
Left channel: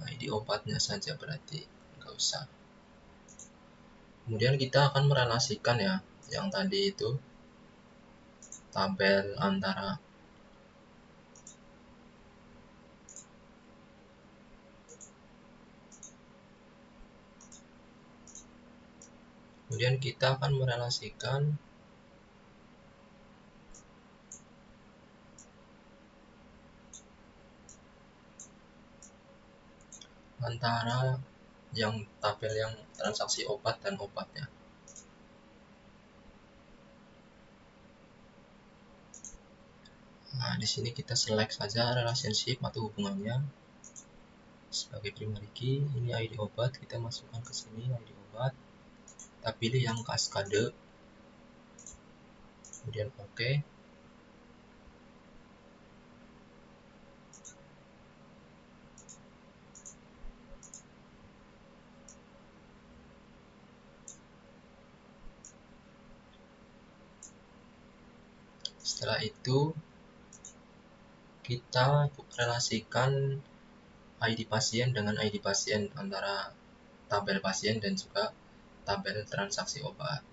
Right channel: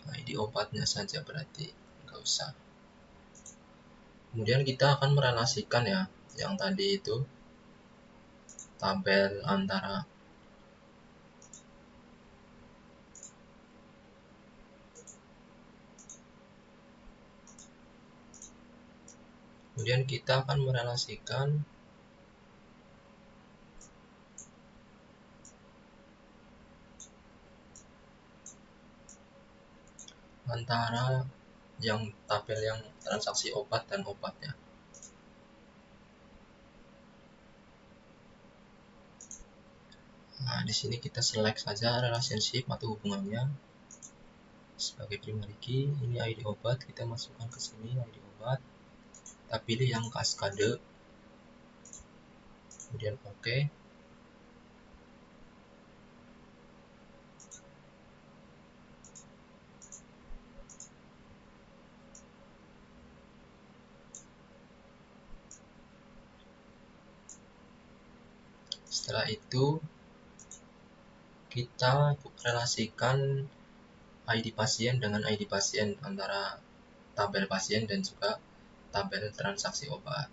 ID obatnya saja berarti, nggak usah. Kemudian kita akan merelasikan ya, yang tadi itu tabel antara kemudian kita akan merelasikan antara yang tabel yang transaksi obat dan obatnya. Nah, di sini kita select saja relationship atau hubungannya. Sebagai lagi, ini ID obat, kita masukkan ke sini ID obat. Kita pilih yang kaskade, kemudian oke. Setelah itu kita relasikan ID pasien dengan ID pasien antara tabel pasien dan juga tabel transaksi obat.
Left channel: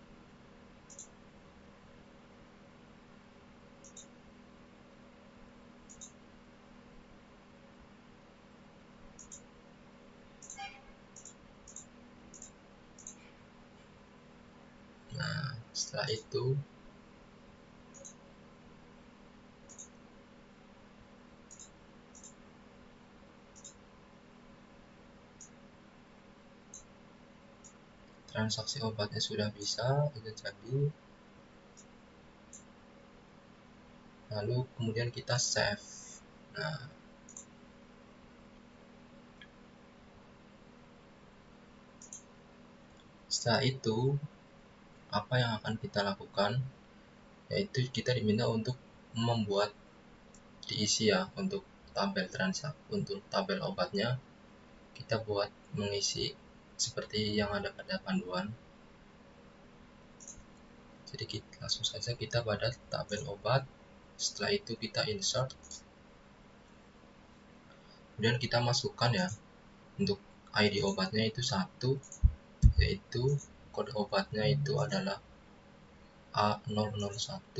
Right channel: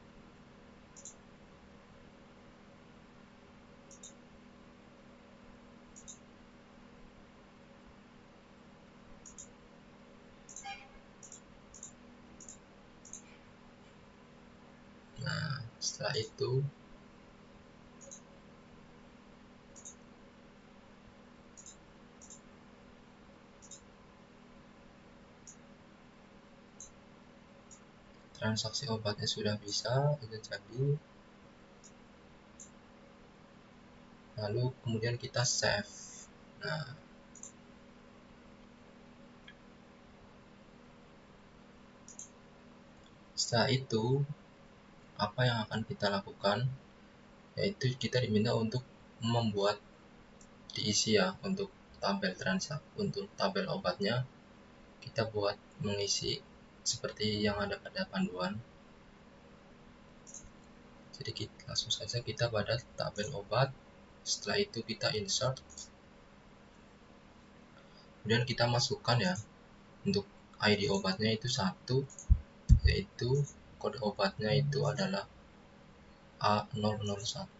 Nah, setelah itu transaksi obatnya sudah bisa, itu tadi. Lalu kemudian kita save. Nah, setelah itu apa yang akan kita lakukan, yaitu kita diminta untuk membuat diisi ya, untuk tabel transaksi, untuk tabel obatnya kita buat mengisi seperti yang ada pada panduan. Jadi langsung saja kita pada tabel obat. Setelah itu kita insert, kemudian kita masukkan ya, untuk ID obatnya itu 1, yaitu kode obatnya itu adalah A001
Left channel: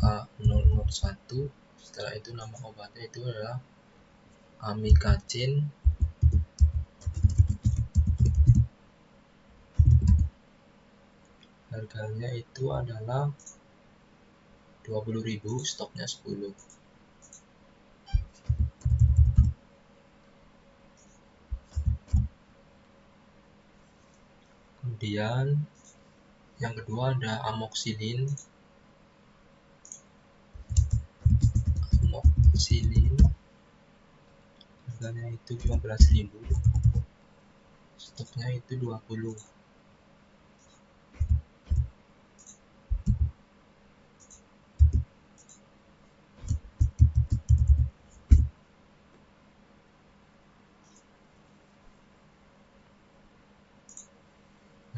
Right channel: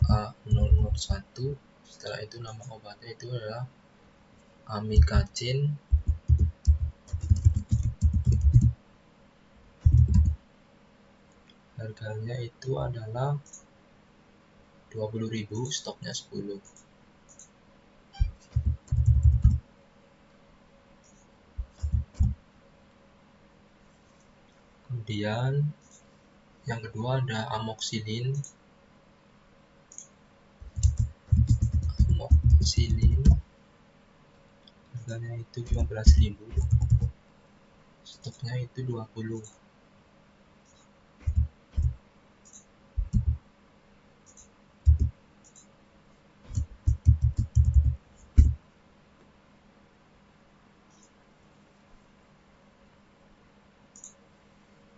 A001. Setelah itu nama obatnya itu adalah amikacin. Harganya itu adalah 20.000, stoknya 10. Kemudian yang kedua ada amoxicillin. Harganya itu 15.000, stoknya itu 20.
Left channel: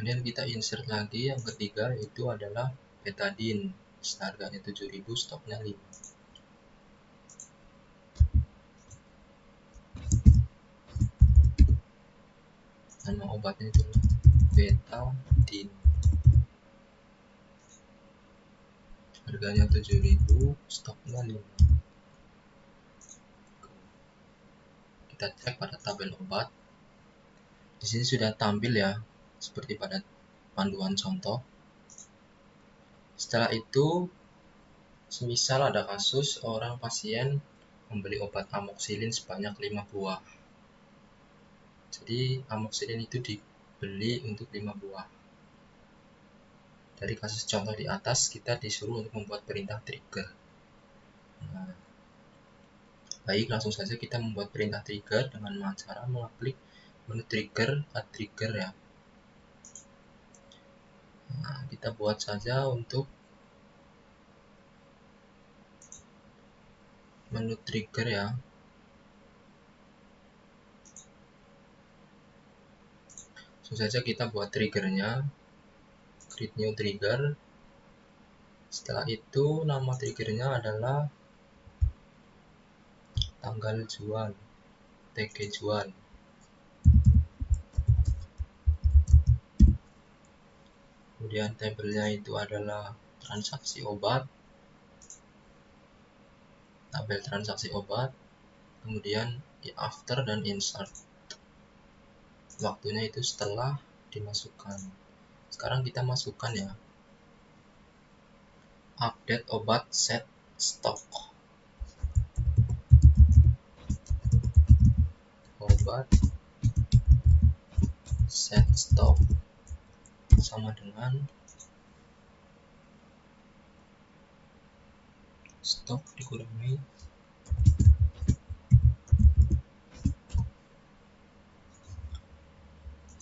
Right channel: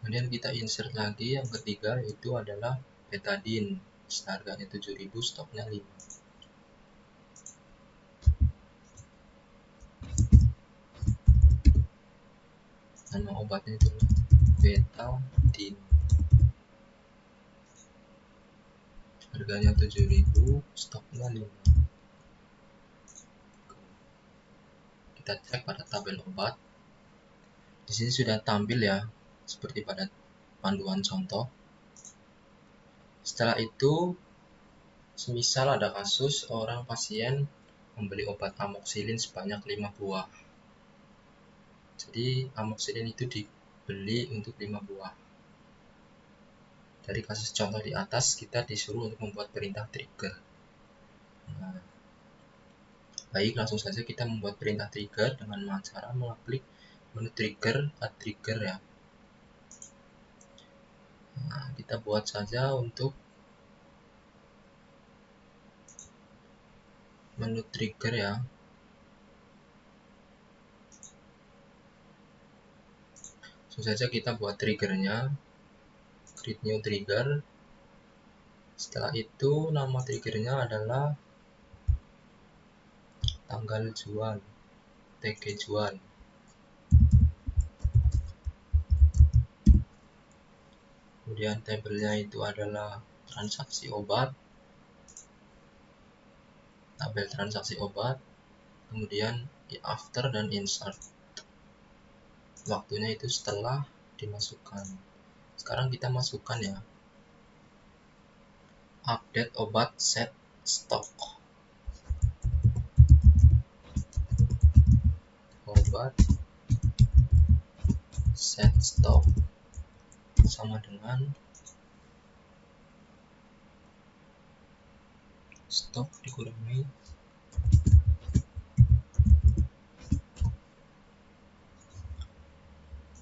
Kemudian kita insert lagi yang ketiga, yaitu adalah betadine. Harganya 7.000, stoknya 5. Nama obatnya itu betadine. Harganya 7.000, stoknya 5. Kita cek pada tabel obat. Di sini sudah tampil ya, seperti pada panduan contoh. Setelah itu, semisal ada kasus seorang pasien membeli obat amoxicillin sebanyak 5 buah. Jadi amoxicillin itu dibeli untuk 5 buah. Dari kasus contoh di atas, kita disuruh untuk membuat perintah trigger. Nah, baik, langsung saja kita membuat perintah trigger dengan cara mengklik menu trigger pada trigger ya. Nah, kita buat saja untuk menu trigger ya. Langsung saja kita buat triggernya, create new trigger. Setelah itu nama triggernya adalah tanggal jual, TG jual. Kemudian tabelnya itu adalah transaksi obat, tabel transaksi obat. Kemudian after dan insert, waktunya itu setelah dimasukkan. Sekarang kita masukkan ya, update obat set stock, obat set stock sama dengan stok dikurangi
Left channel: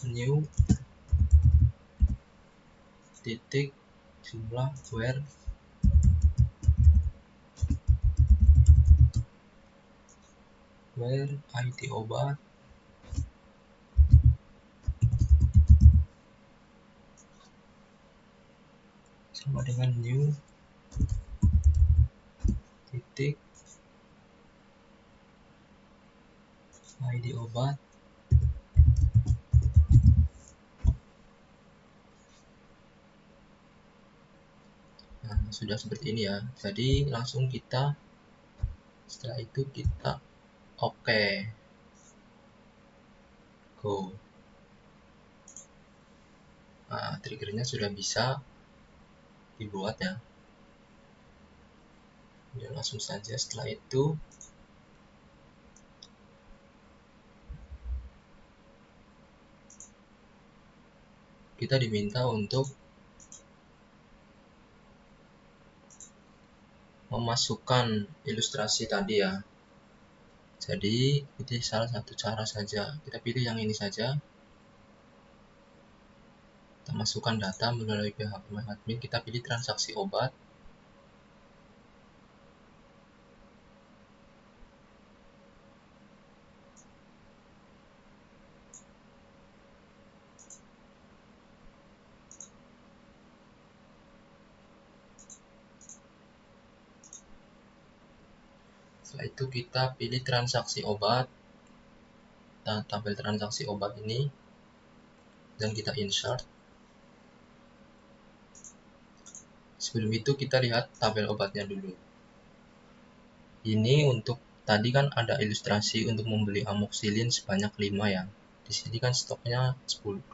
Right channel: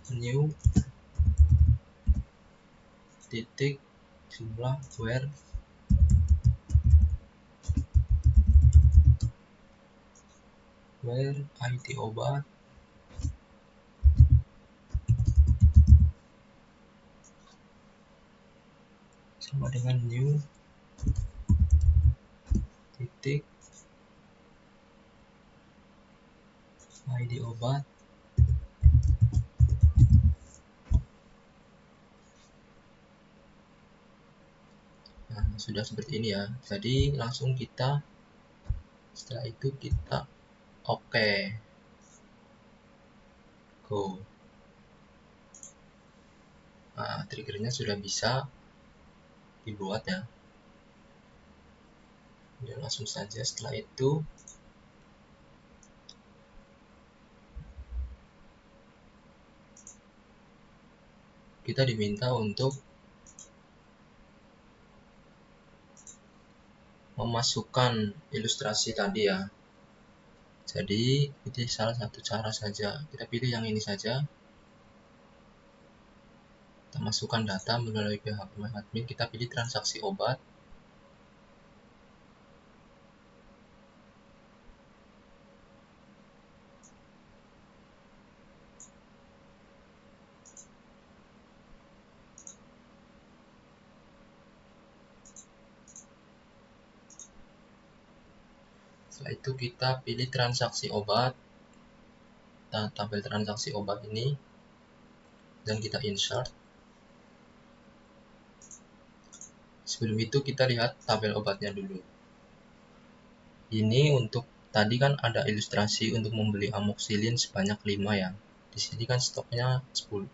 new titik jumlah where ID obat sama dengan new titik ID obat. Nah, sudah seperti ini ya. Jadi langsung kita setelah itu kita oke. Go. Nah, triggernya sudah bisa dibuat ya. Ya, langsung saja setelah itu kita diminta untuk memasukkan ilustrasi tadi ya. Jadi pilih salah satu cara saja, kita pilih yang ini saja. Kita masukkan data melalui pihak admin, kita pilih transaksi obat. Setelah itu kita pilih transaksi obat dan tabel transaksi obat ini dan kita insert. Sebelum itu kita lihat tabel obatnya dulu. Ini untuk tadi kan ada ilustrasi untuk membeli amoxicillin sebanyak 5 ya. Di sini kan stoknya 10-20.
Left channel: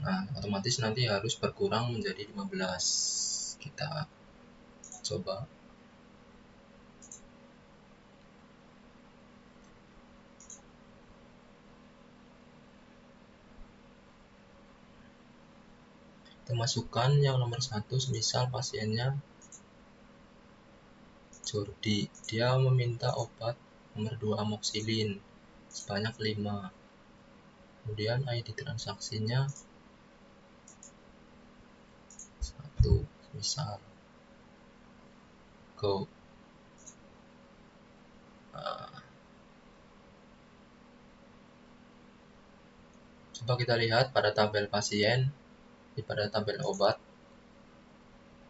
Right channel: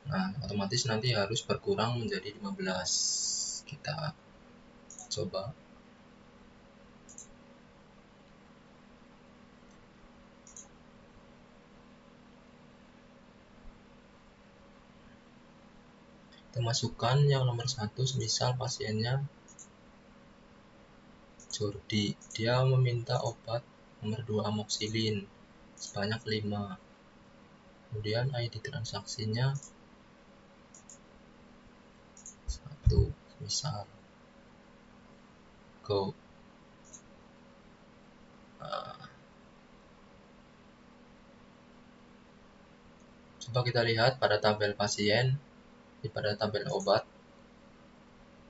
Nah, otomatis nanti harus berkurang menjadi 15. Kita coba. Kita masukkan yang nomor 1, misal pasiennya Jordi, dia meminta obat nomor 2 amoxicillin sebanyak 5. Kemudian ID transaksinya 1, misal go. Coba kita lihat pada tabel pasien, pada tabel obat.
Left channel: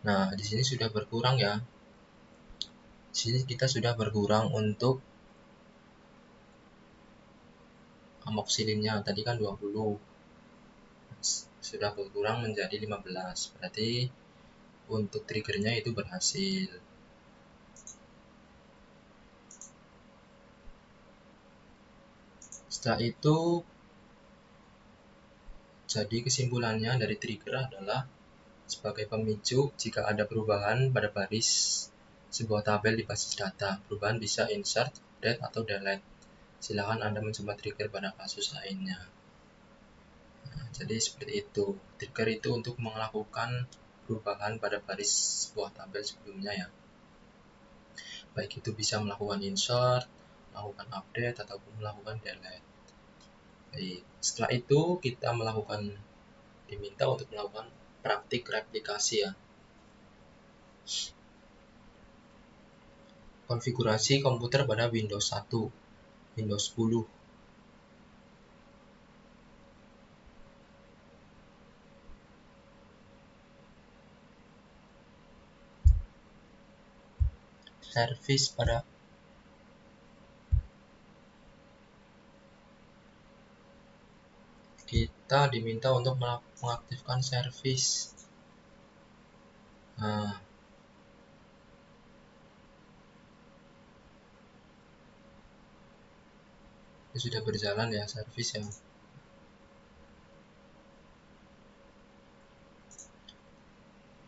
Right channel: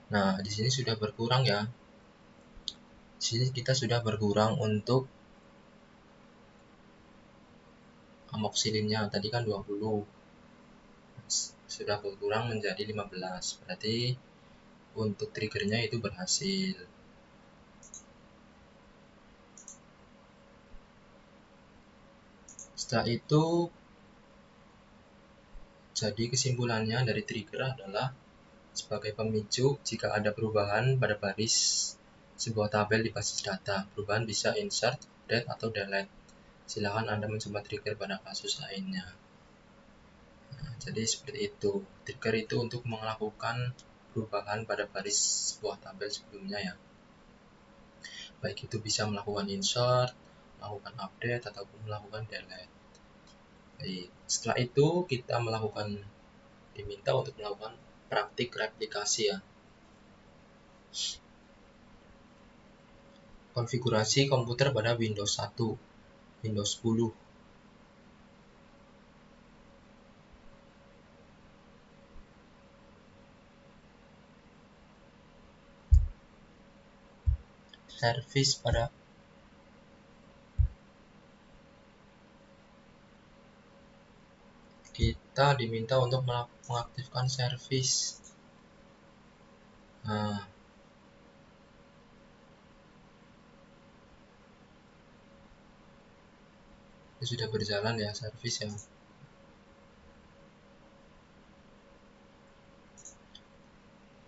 Nah, di sini sudah berkurang ya. Di sini kita sudah berkurang untuk amoxicillinnya, tadi kan 20. Sudah berkurang menjadi 15. Berarti untuk triggernya itu berhasil. Setelah itu, jadi kesimpulannya dari trigger adalah sebagai pemicu jika ada perubahan pada baris sebuah tabel di basis data. Perubahan bisa insert, update, atau delete. Silakan Anda mencoba trigger pada kasus lainnya. Nah, jadi seperti itu. Trigger itu untuk melakukan perubahan pada baris sebuah tabel sebelumnya ya. Baik itu bisa melakukan insert, melakukan update, atau melakukan delete. Baik, setelah itu kita diminta untuk melakukan praktik replikasi ya. konfigurasi komputer pada Windows 1, Windows 10. Servis pada kita diminta untuk mengaktifkan servis. Nah, ini sudah berjalan ya servis ya.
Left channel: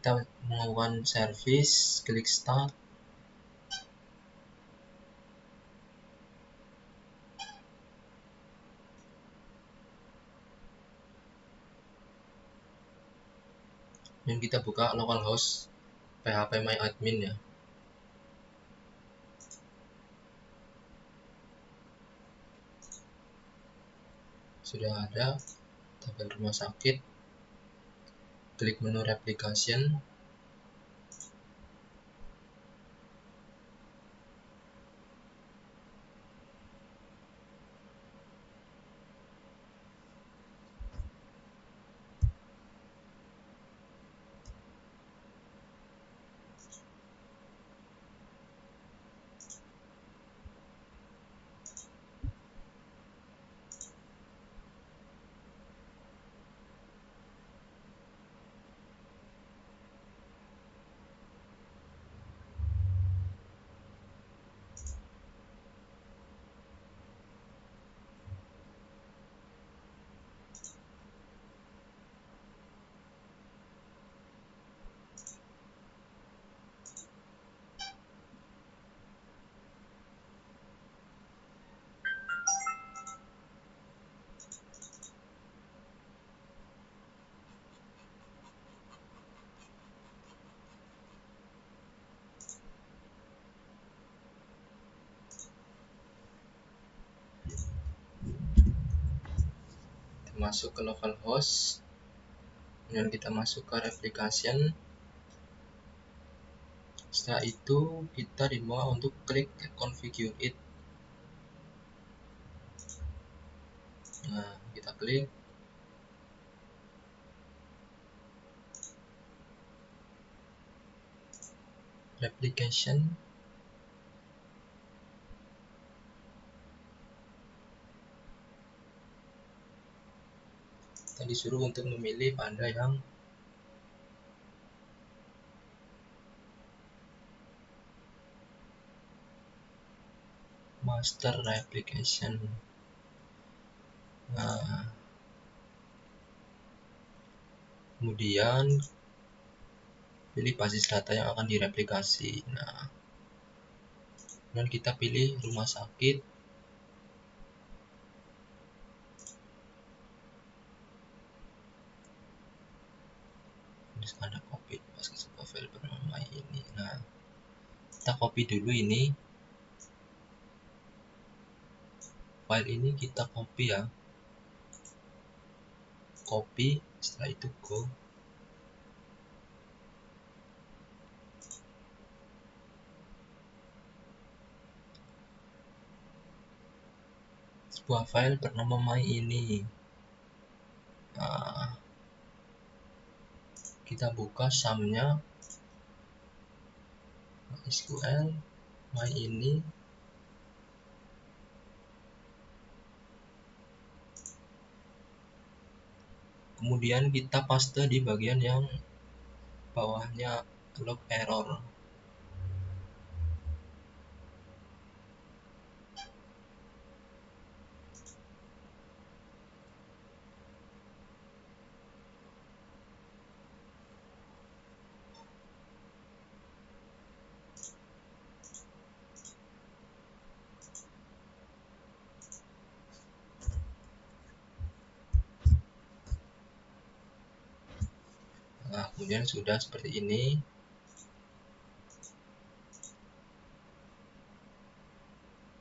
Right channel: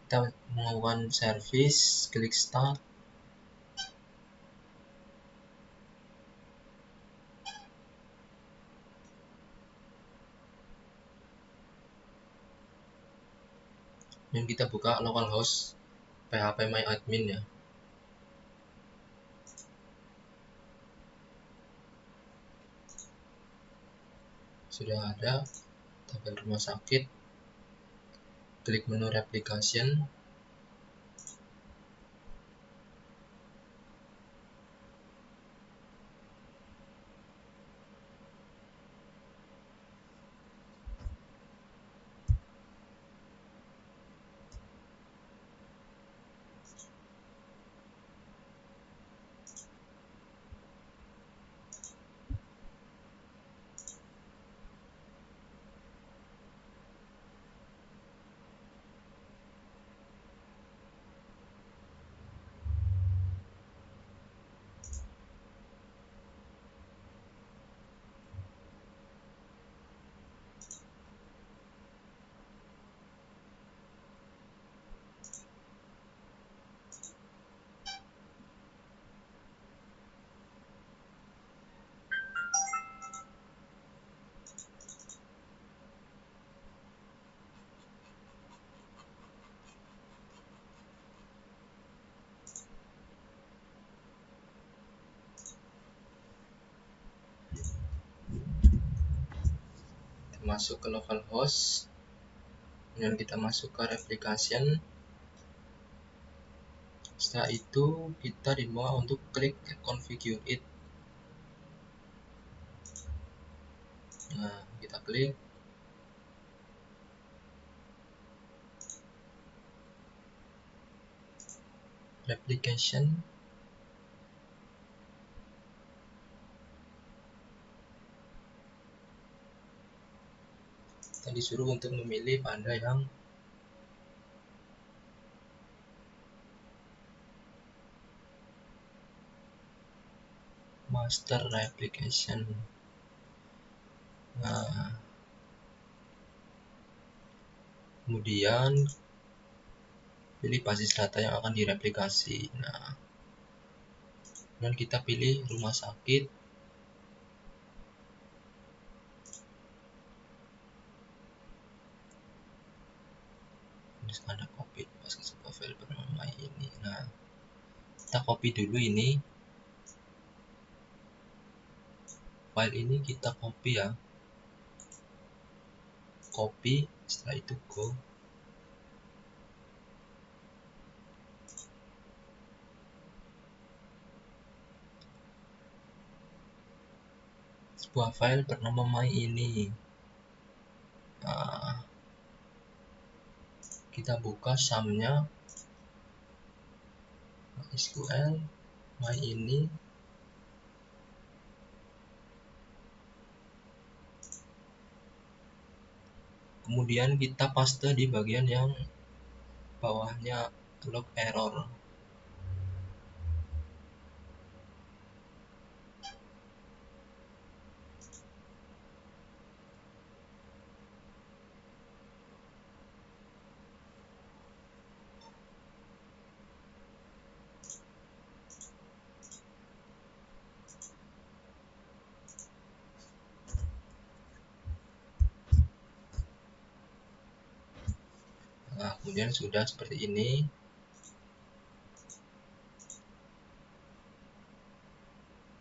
Kita melakukan servis, klik start. Ini kita buka localhost PHP MyAdmin ya. Sudah ada, kita ke rumah sakit, klik menu application. Masuk ke localhost, kemudian kita masukkan application. Setelah itu kita dibawa untuk klik configure it. Nah, kita klik. Application. Tadi disuruh untuk memilih pada yang master application. Nah, kemudian pilih basis data yang akan direplikasi. Nah, dan kita pilih rumah sakit. Di sana ada copy basis file nama ini. Nah, kita copy dulu ini. File ini kita copy ya. Copy, setelah itu go. Sebuah file bernama my ini. Nah, kita buka sumnya SQL my ini. Kemudian kita paste di bagian yang bawahnya log error. Nah, kemudian sudah seperti ini.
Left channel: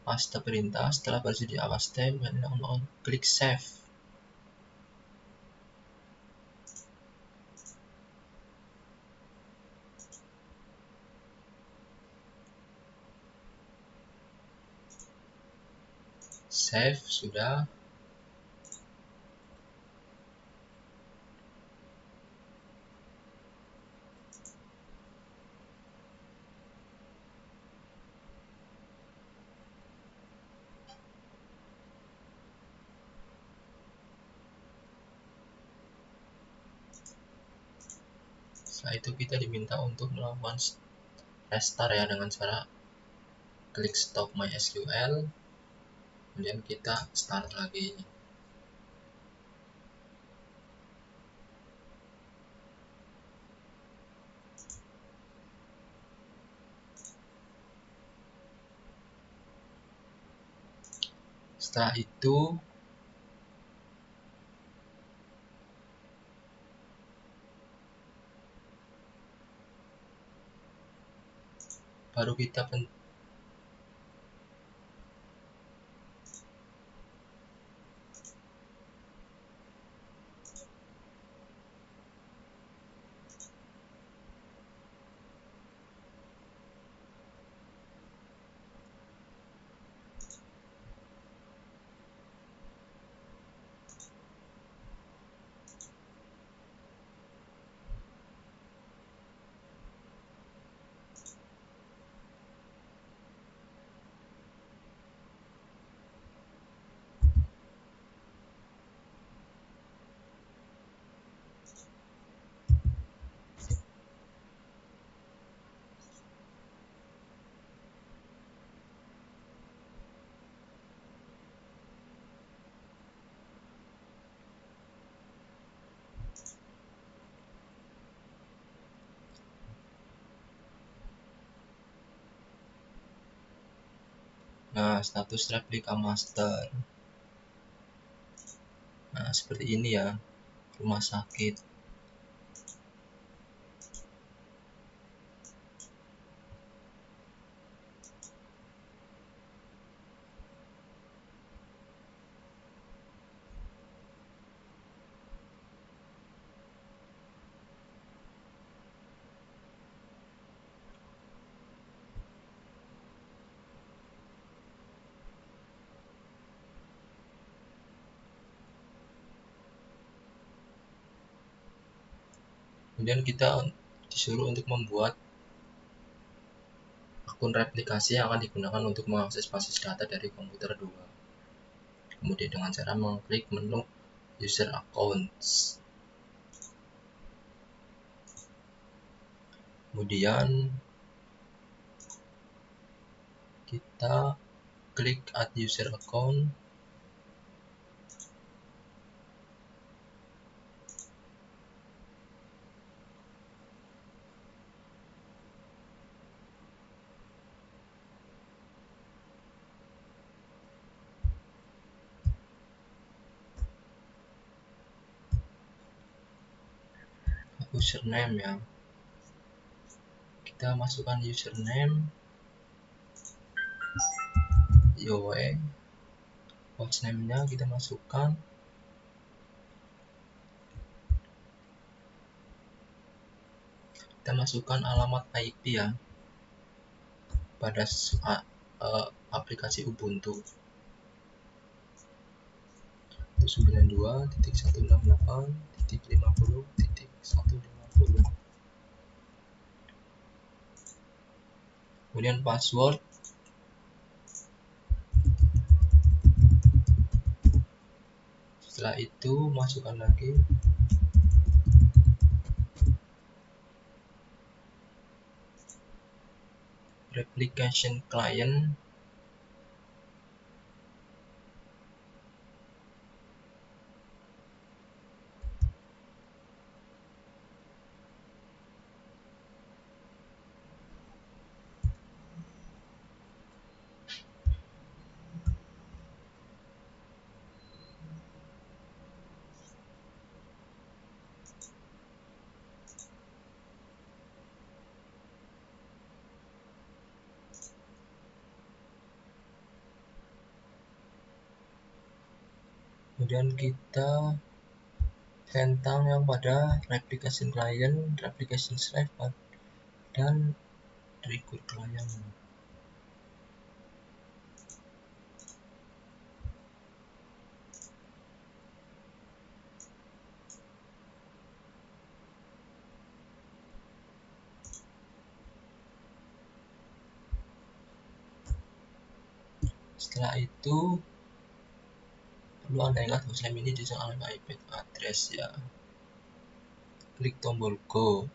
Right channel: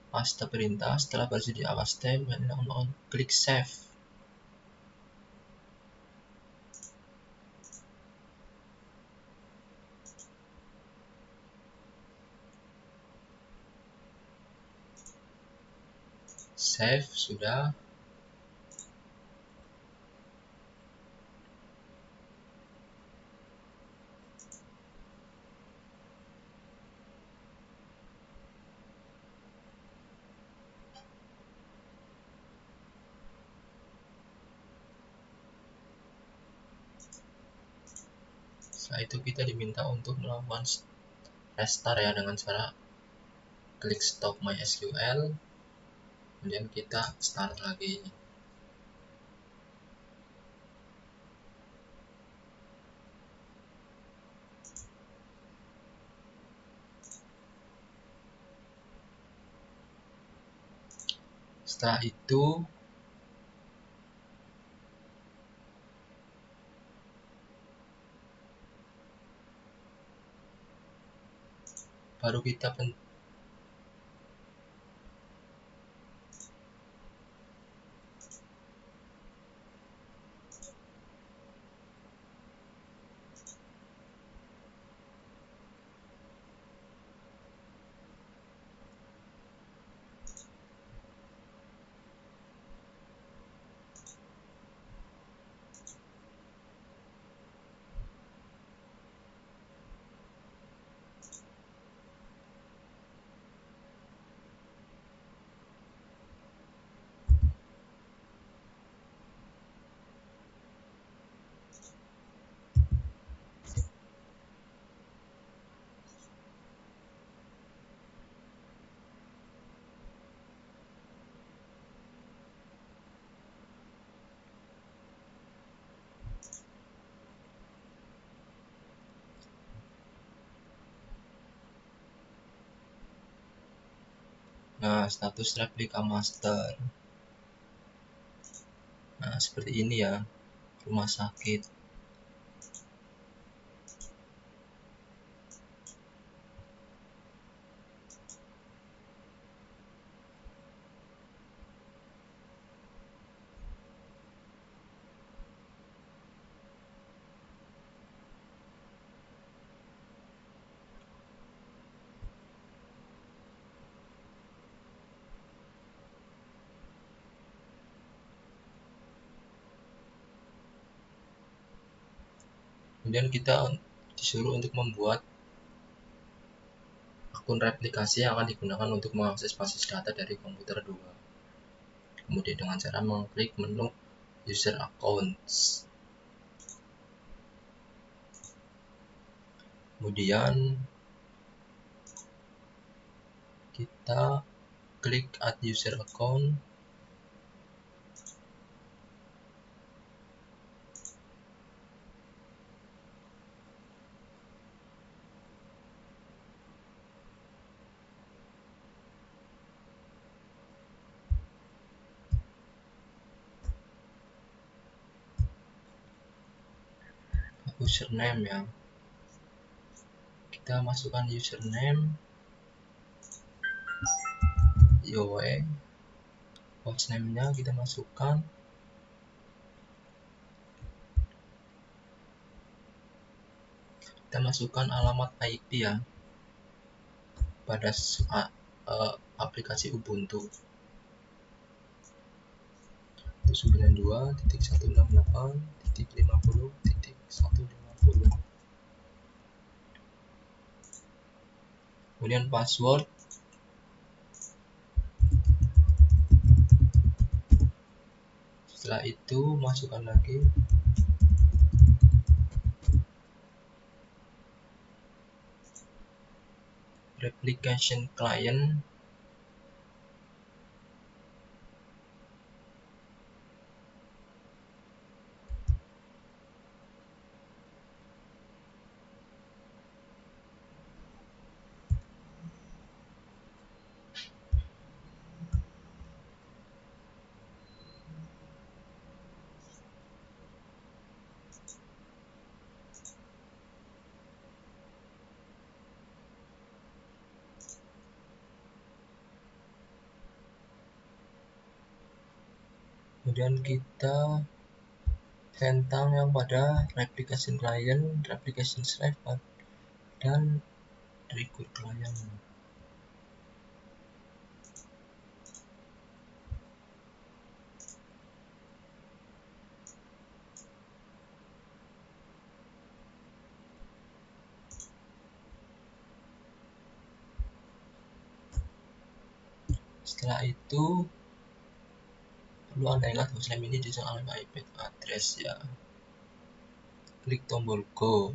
Paste perintah setelah berhasil dipaste, dan klik save. Save sudah. Setelah itu kita diminta untuk melakukan restart ya dengan cara klik stop MySQL, kemudian kita start lagi. Setelah itu baru kita status replika master. Nah, seperti ini ya, rumah sakit. Kemudian kita disuruh untuk membuat akun replikasi yang akan digunakan untuk mengakses basis data dari komputer 2. Kemudian dengan cara mengklik menu user accounts. Kemudian kita klik add user account. Username ya, kita masukkan username, Yowe, hostname-nya kita masukkan, alamat IP ya pada aplikasi Ubuntu 92.168.50.150. Kemudian password, setelah itu masukkan lagi replication client. Kemudian kita centang pada replikasi client, replikasi server, dan record client. Setelah itu perlu ada yang tulisan ini di sana IP address ya. Klik tombol go.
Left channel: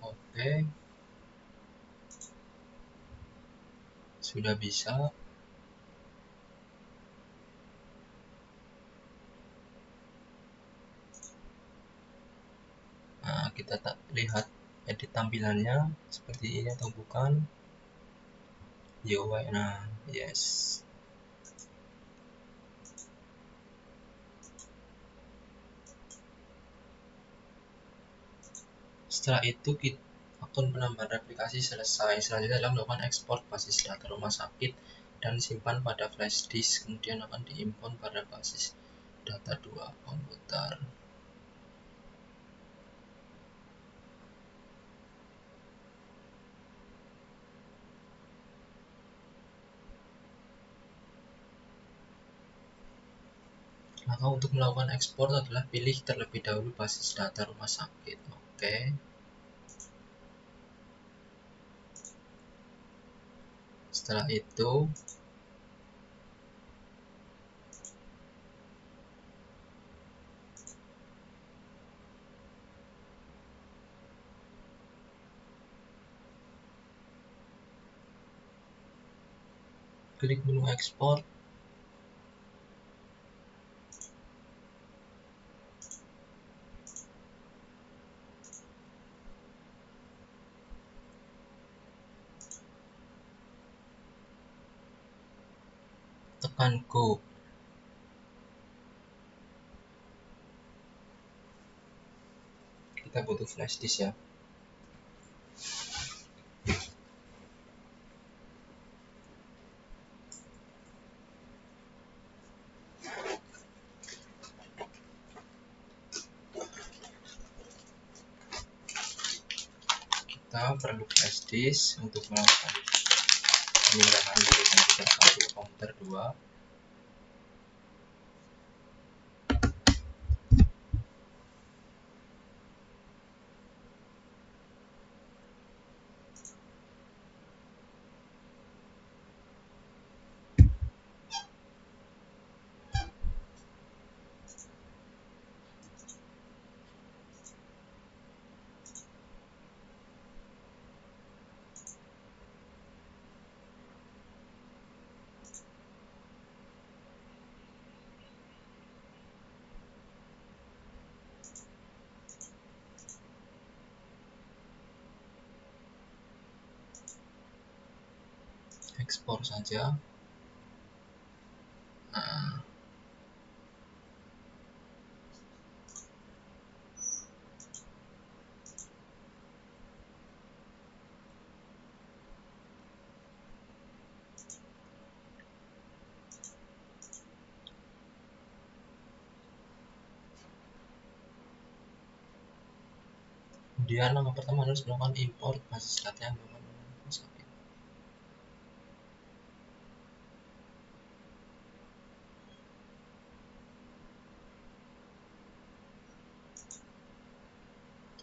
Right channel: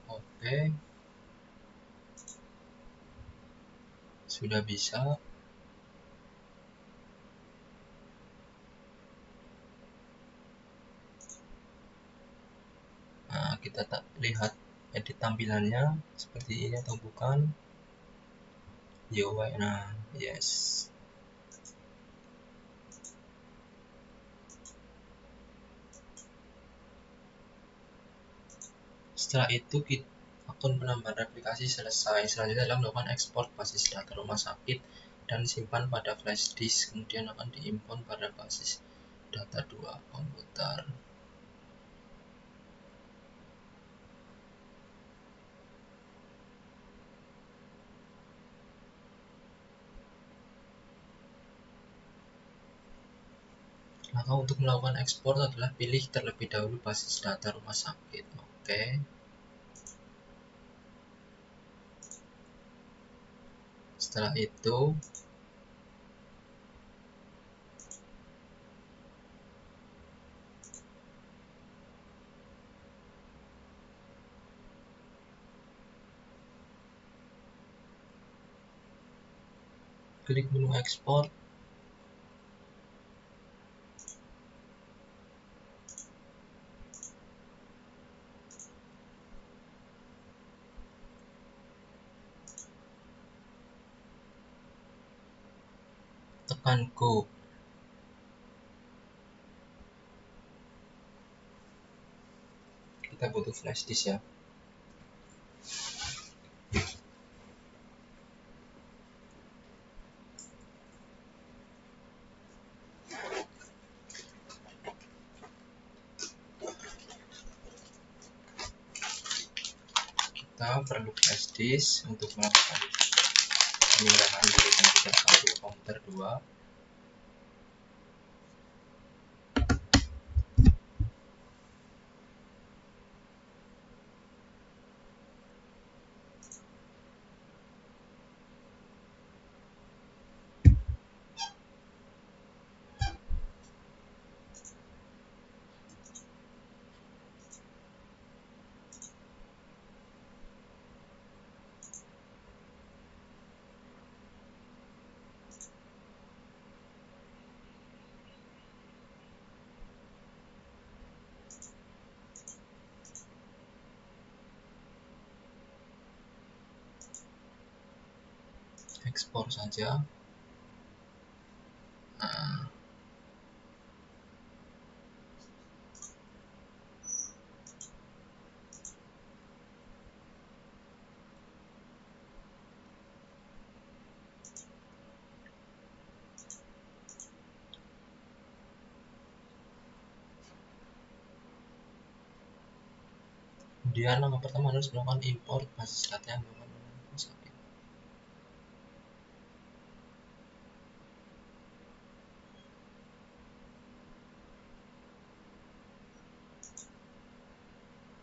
Oke, sudah bisa. Nah, kita lihat edit tampilannya seperti ini atau bukan. Nah, yes. Setelah itu faktor penambahan aplikasi selesai. Selanjutnya adalah melakukan ekspor basis data rumah sakit dan simpan pada flash disk, kemudian akan diimport pada basis data 2 komputer. Nah, untuk melakukan ekspor adalah pilih terlebih dahulu basis data rumah sakit. Oke. Setelah itu klik menu ekspor. Tekan go. Kita butuh flash disk ya. Kita perlu flash disk untuk melakukan pemindahan dari komputer 2. Ekspor saja. Nah, kemudian yang pertama harus melakukan import basis data.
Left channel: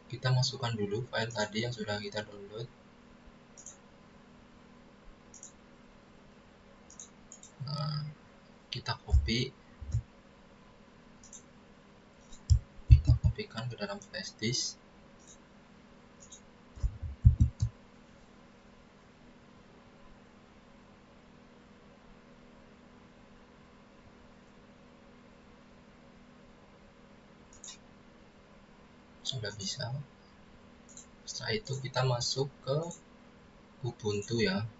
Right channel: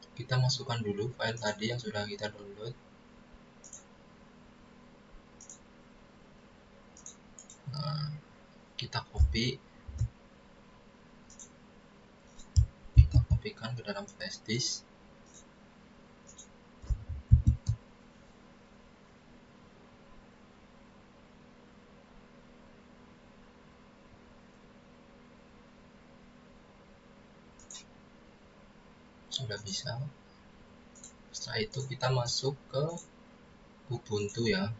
Kita masukkan dulu file tadi yang sudah kita download. Nah, kita kopikan ke dalam flash disk. Sudah bisa. Setelah itu kita masuk ke Ubuntu ya.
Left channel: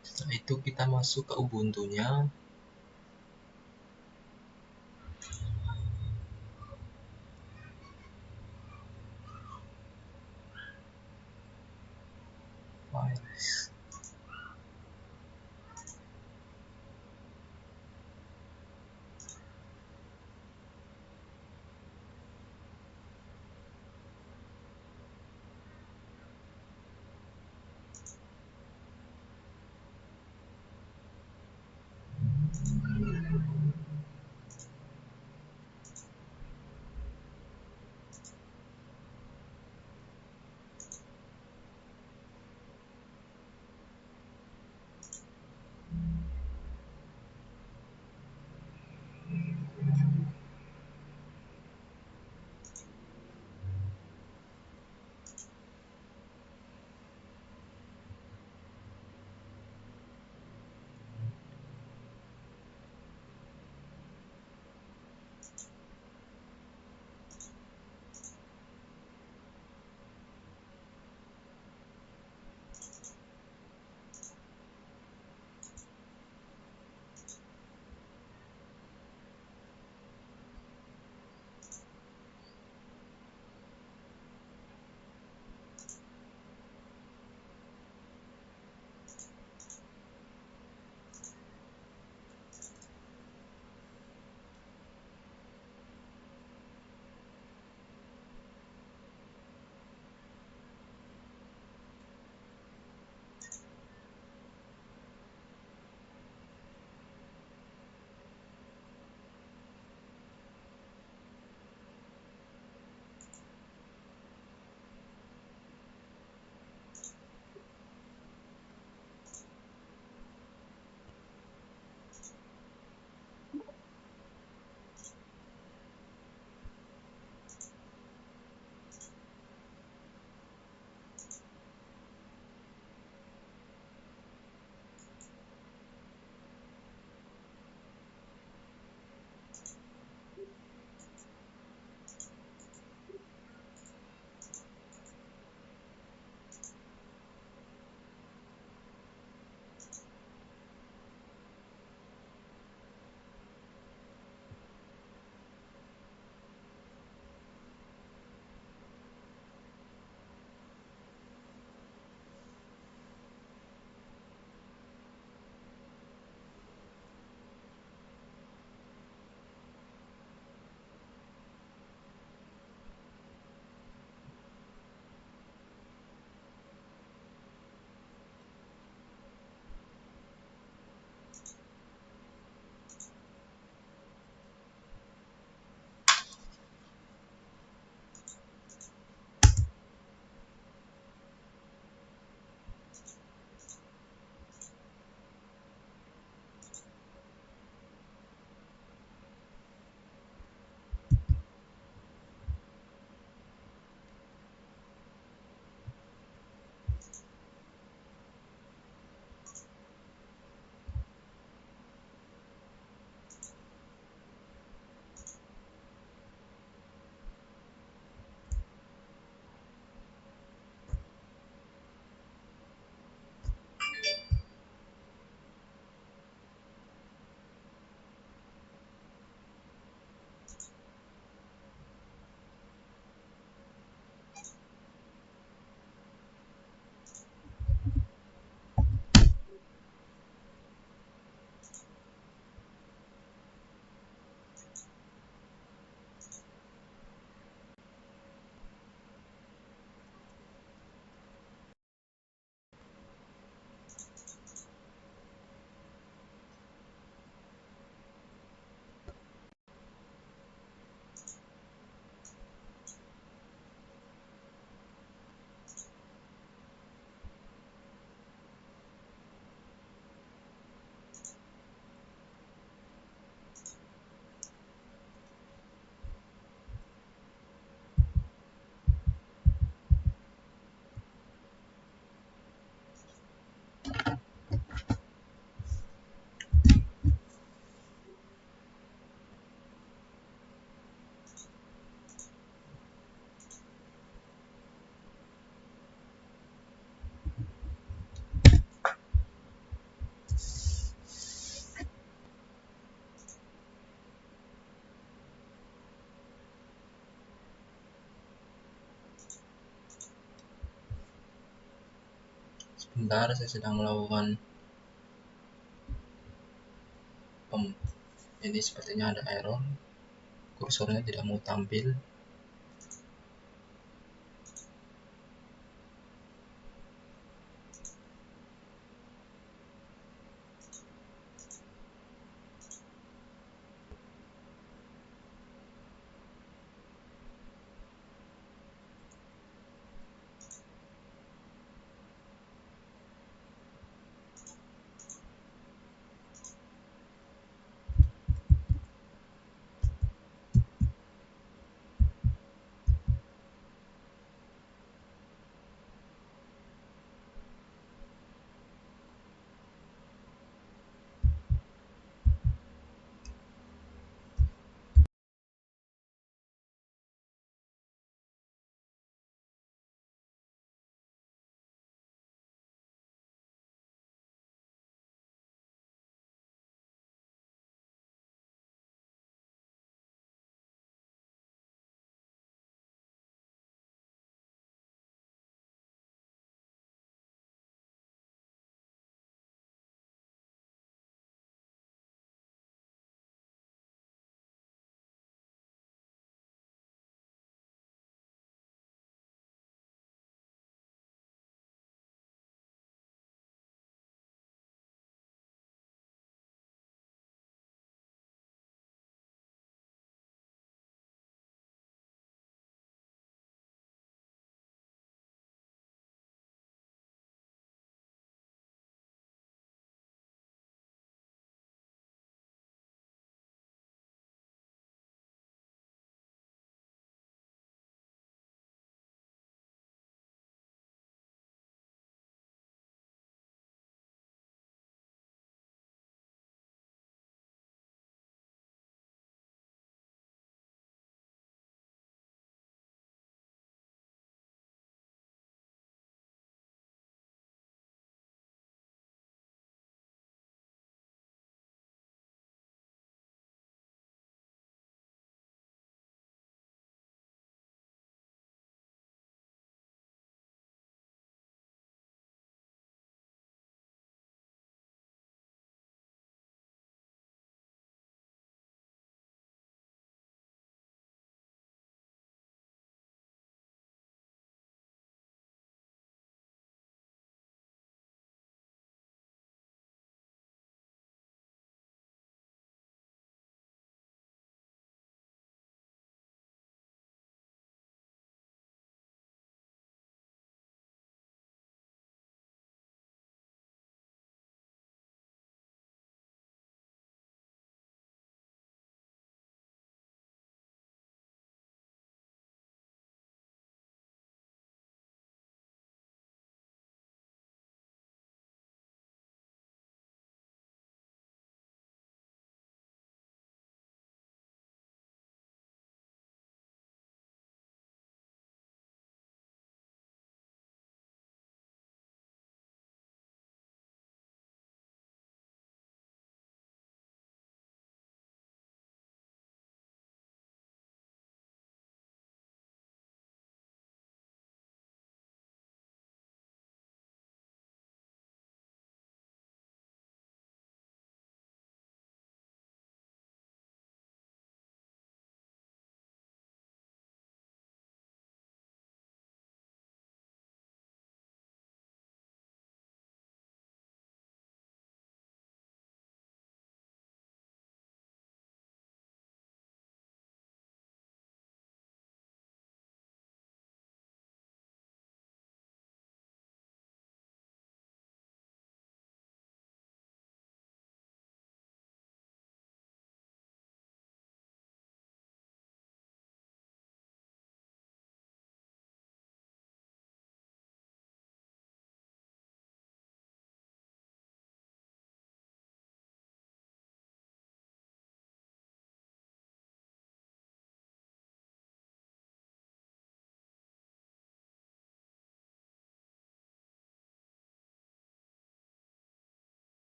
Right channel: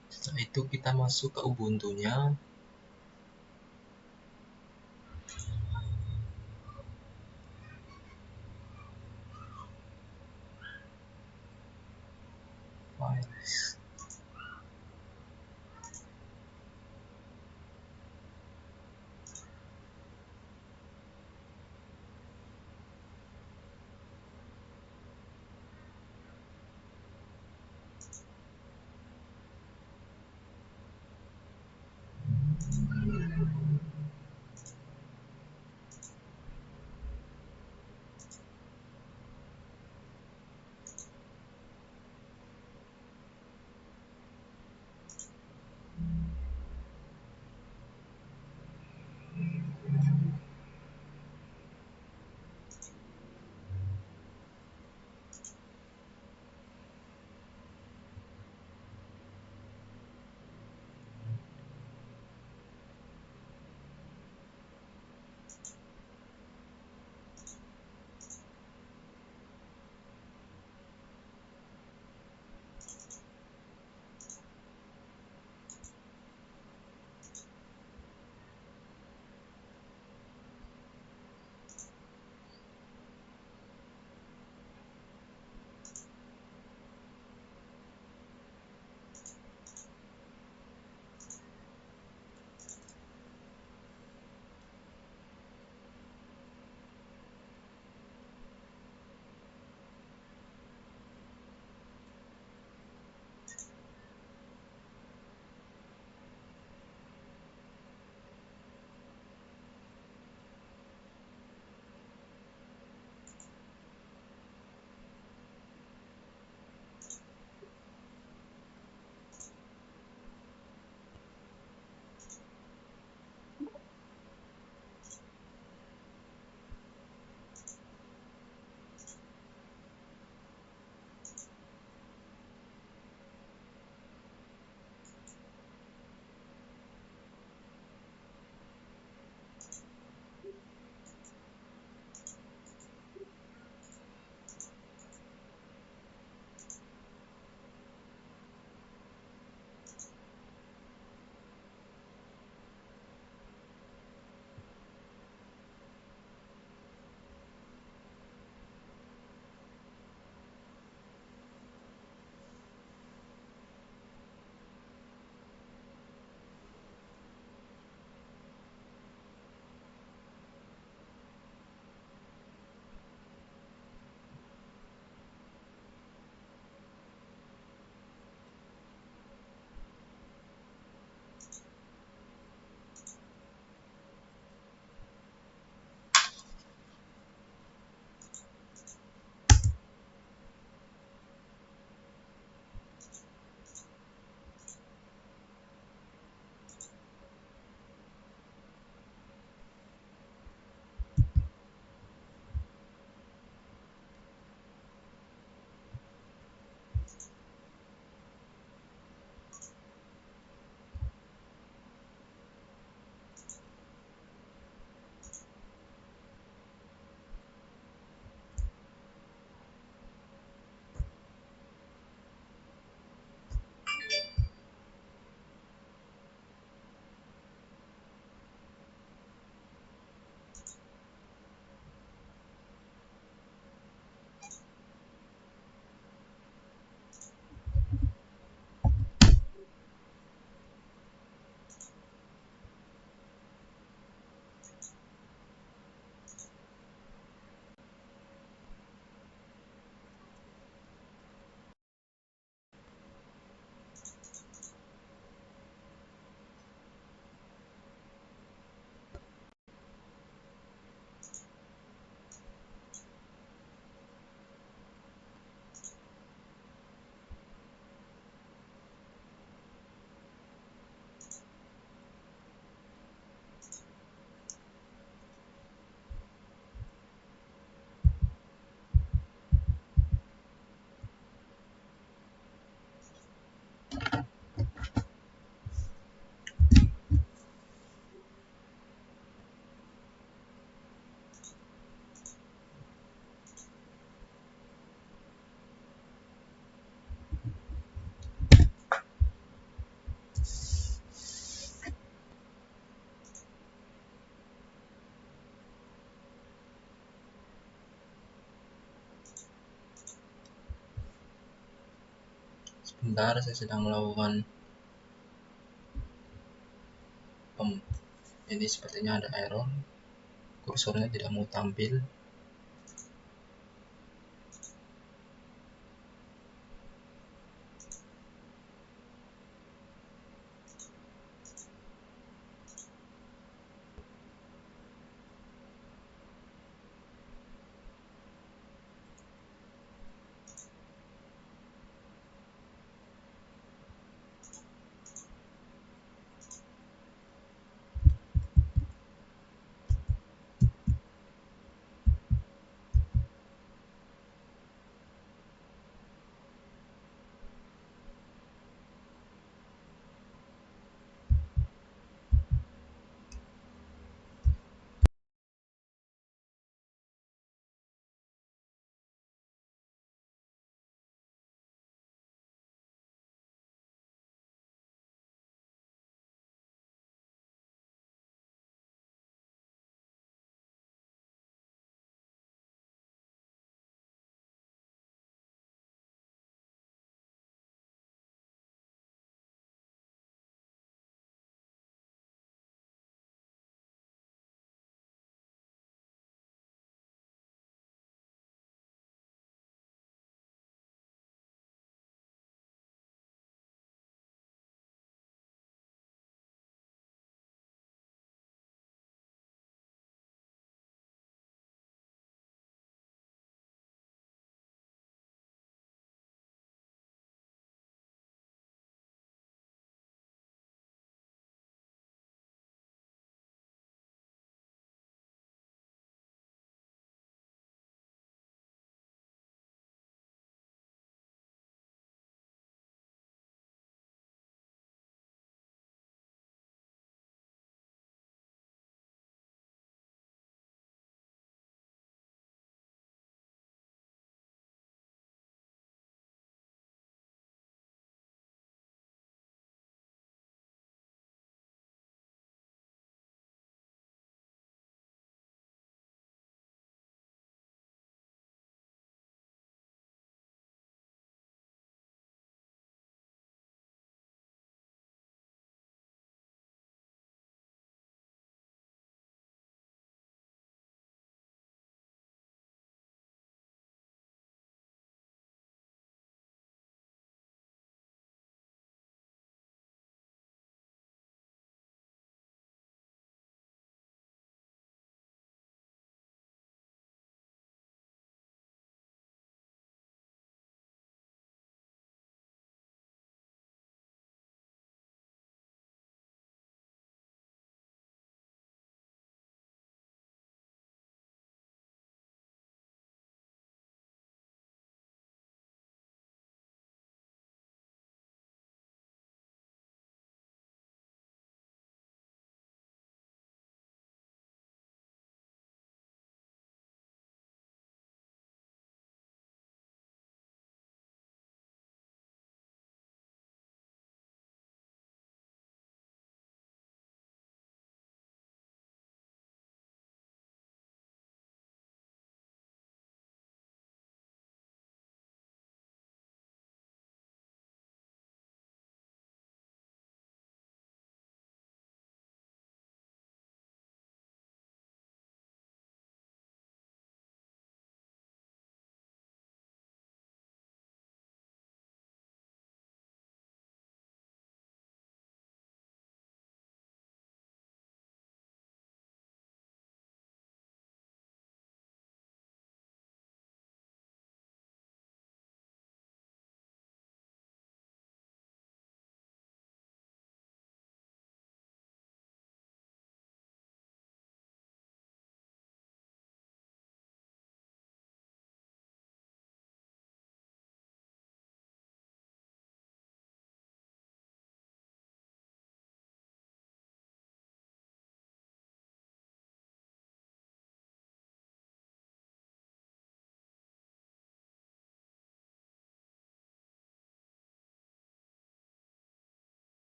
Setelah itu kita masuk ke Ubuntu-nya. Bentar, saya sedang melakukan ini sepertinya ada error, kursornya tidak mau tampil.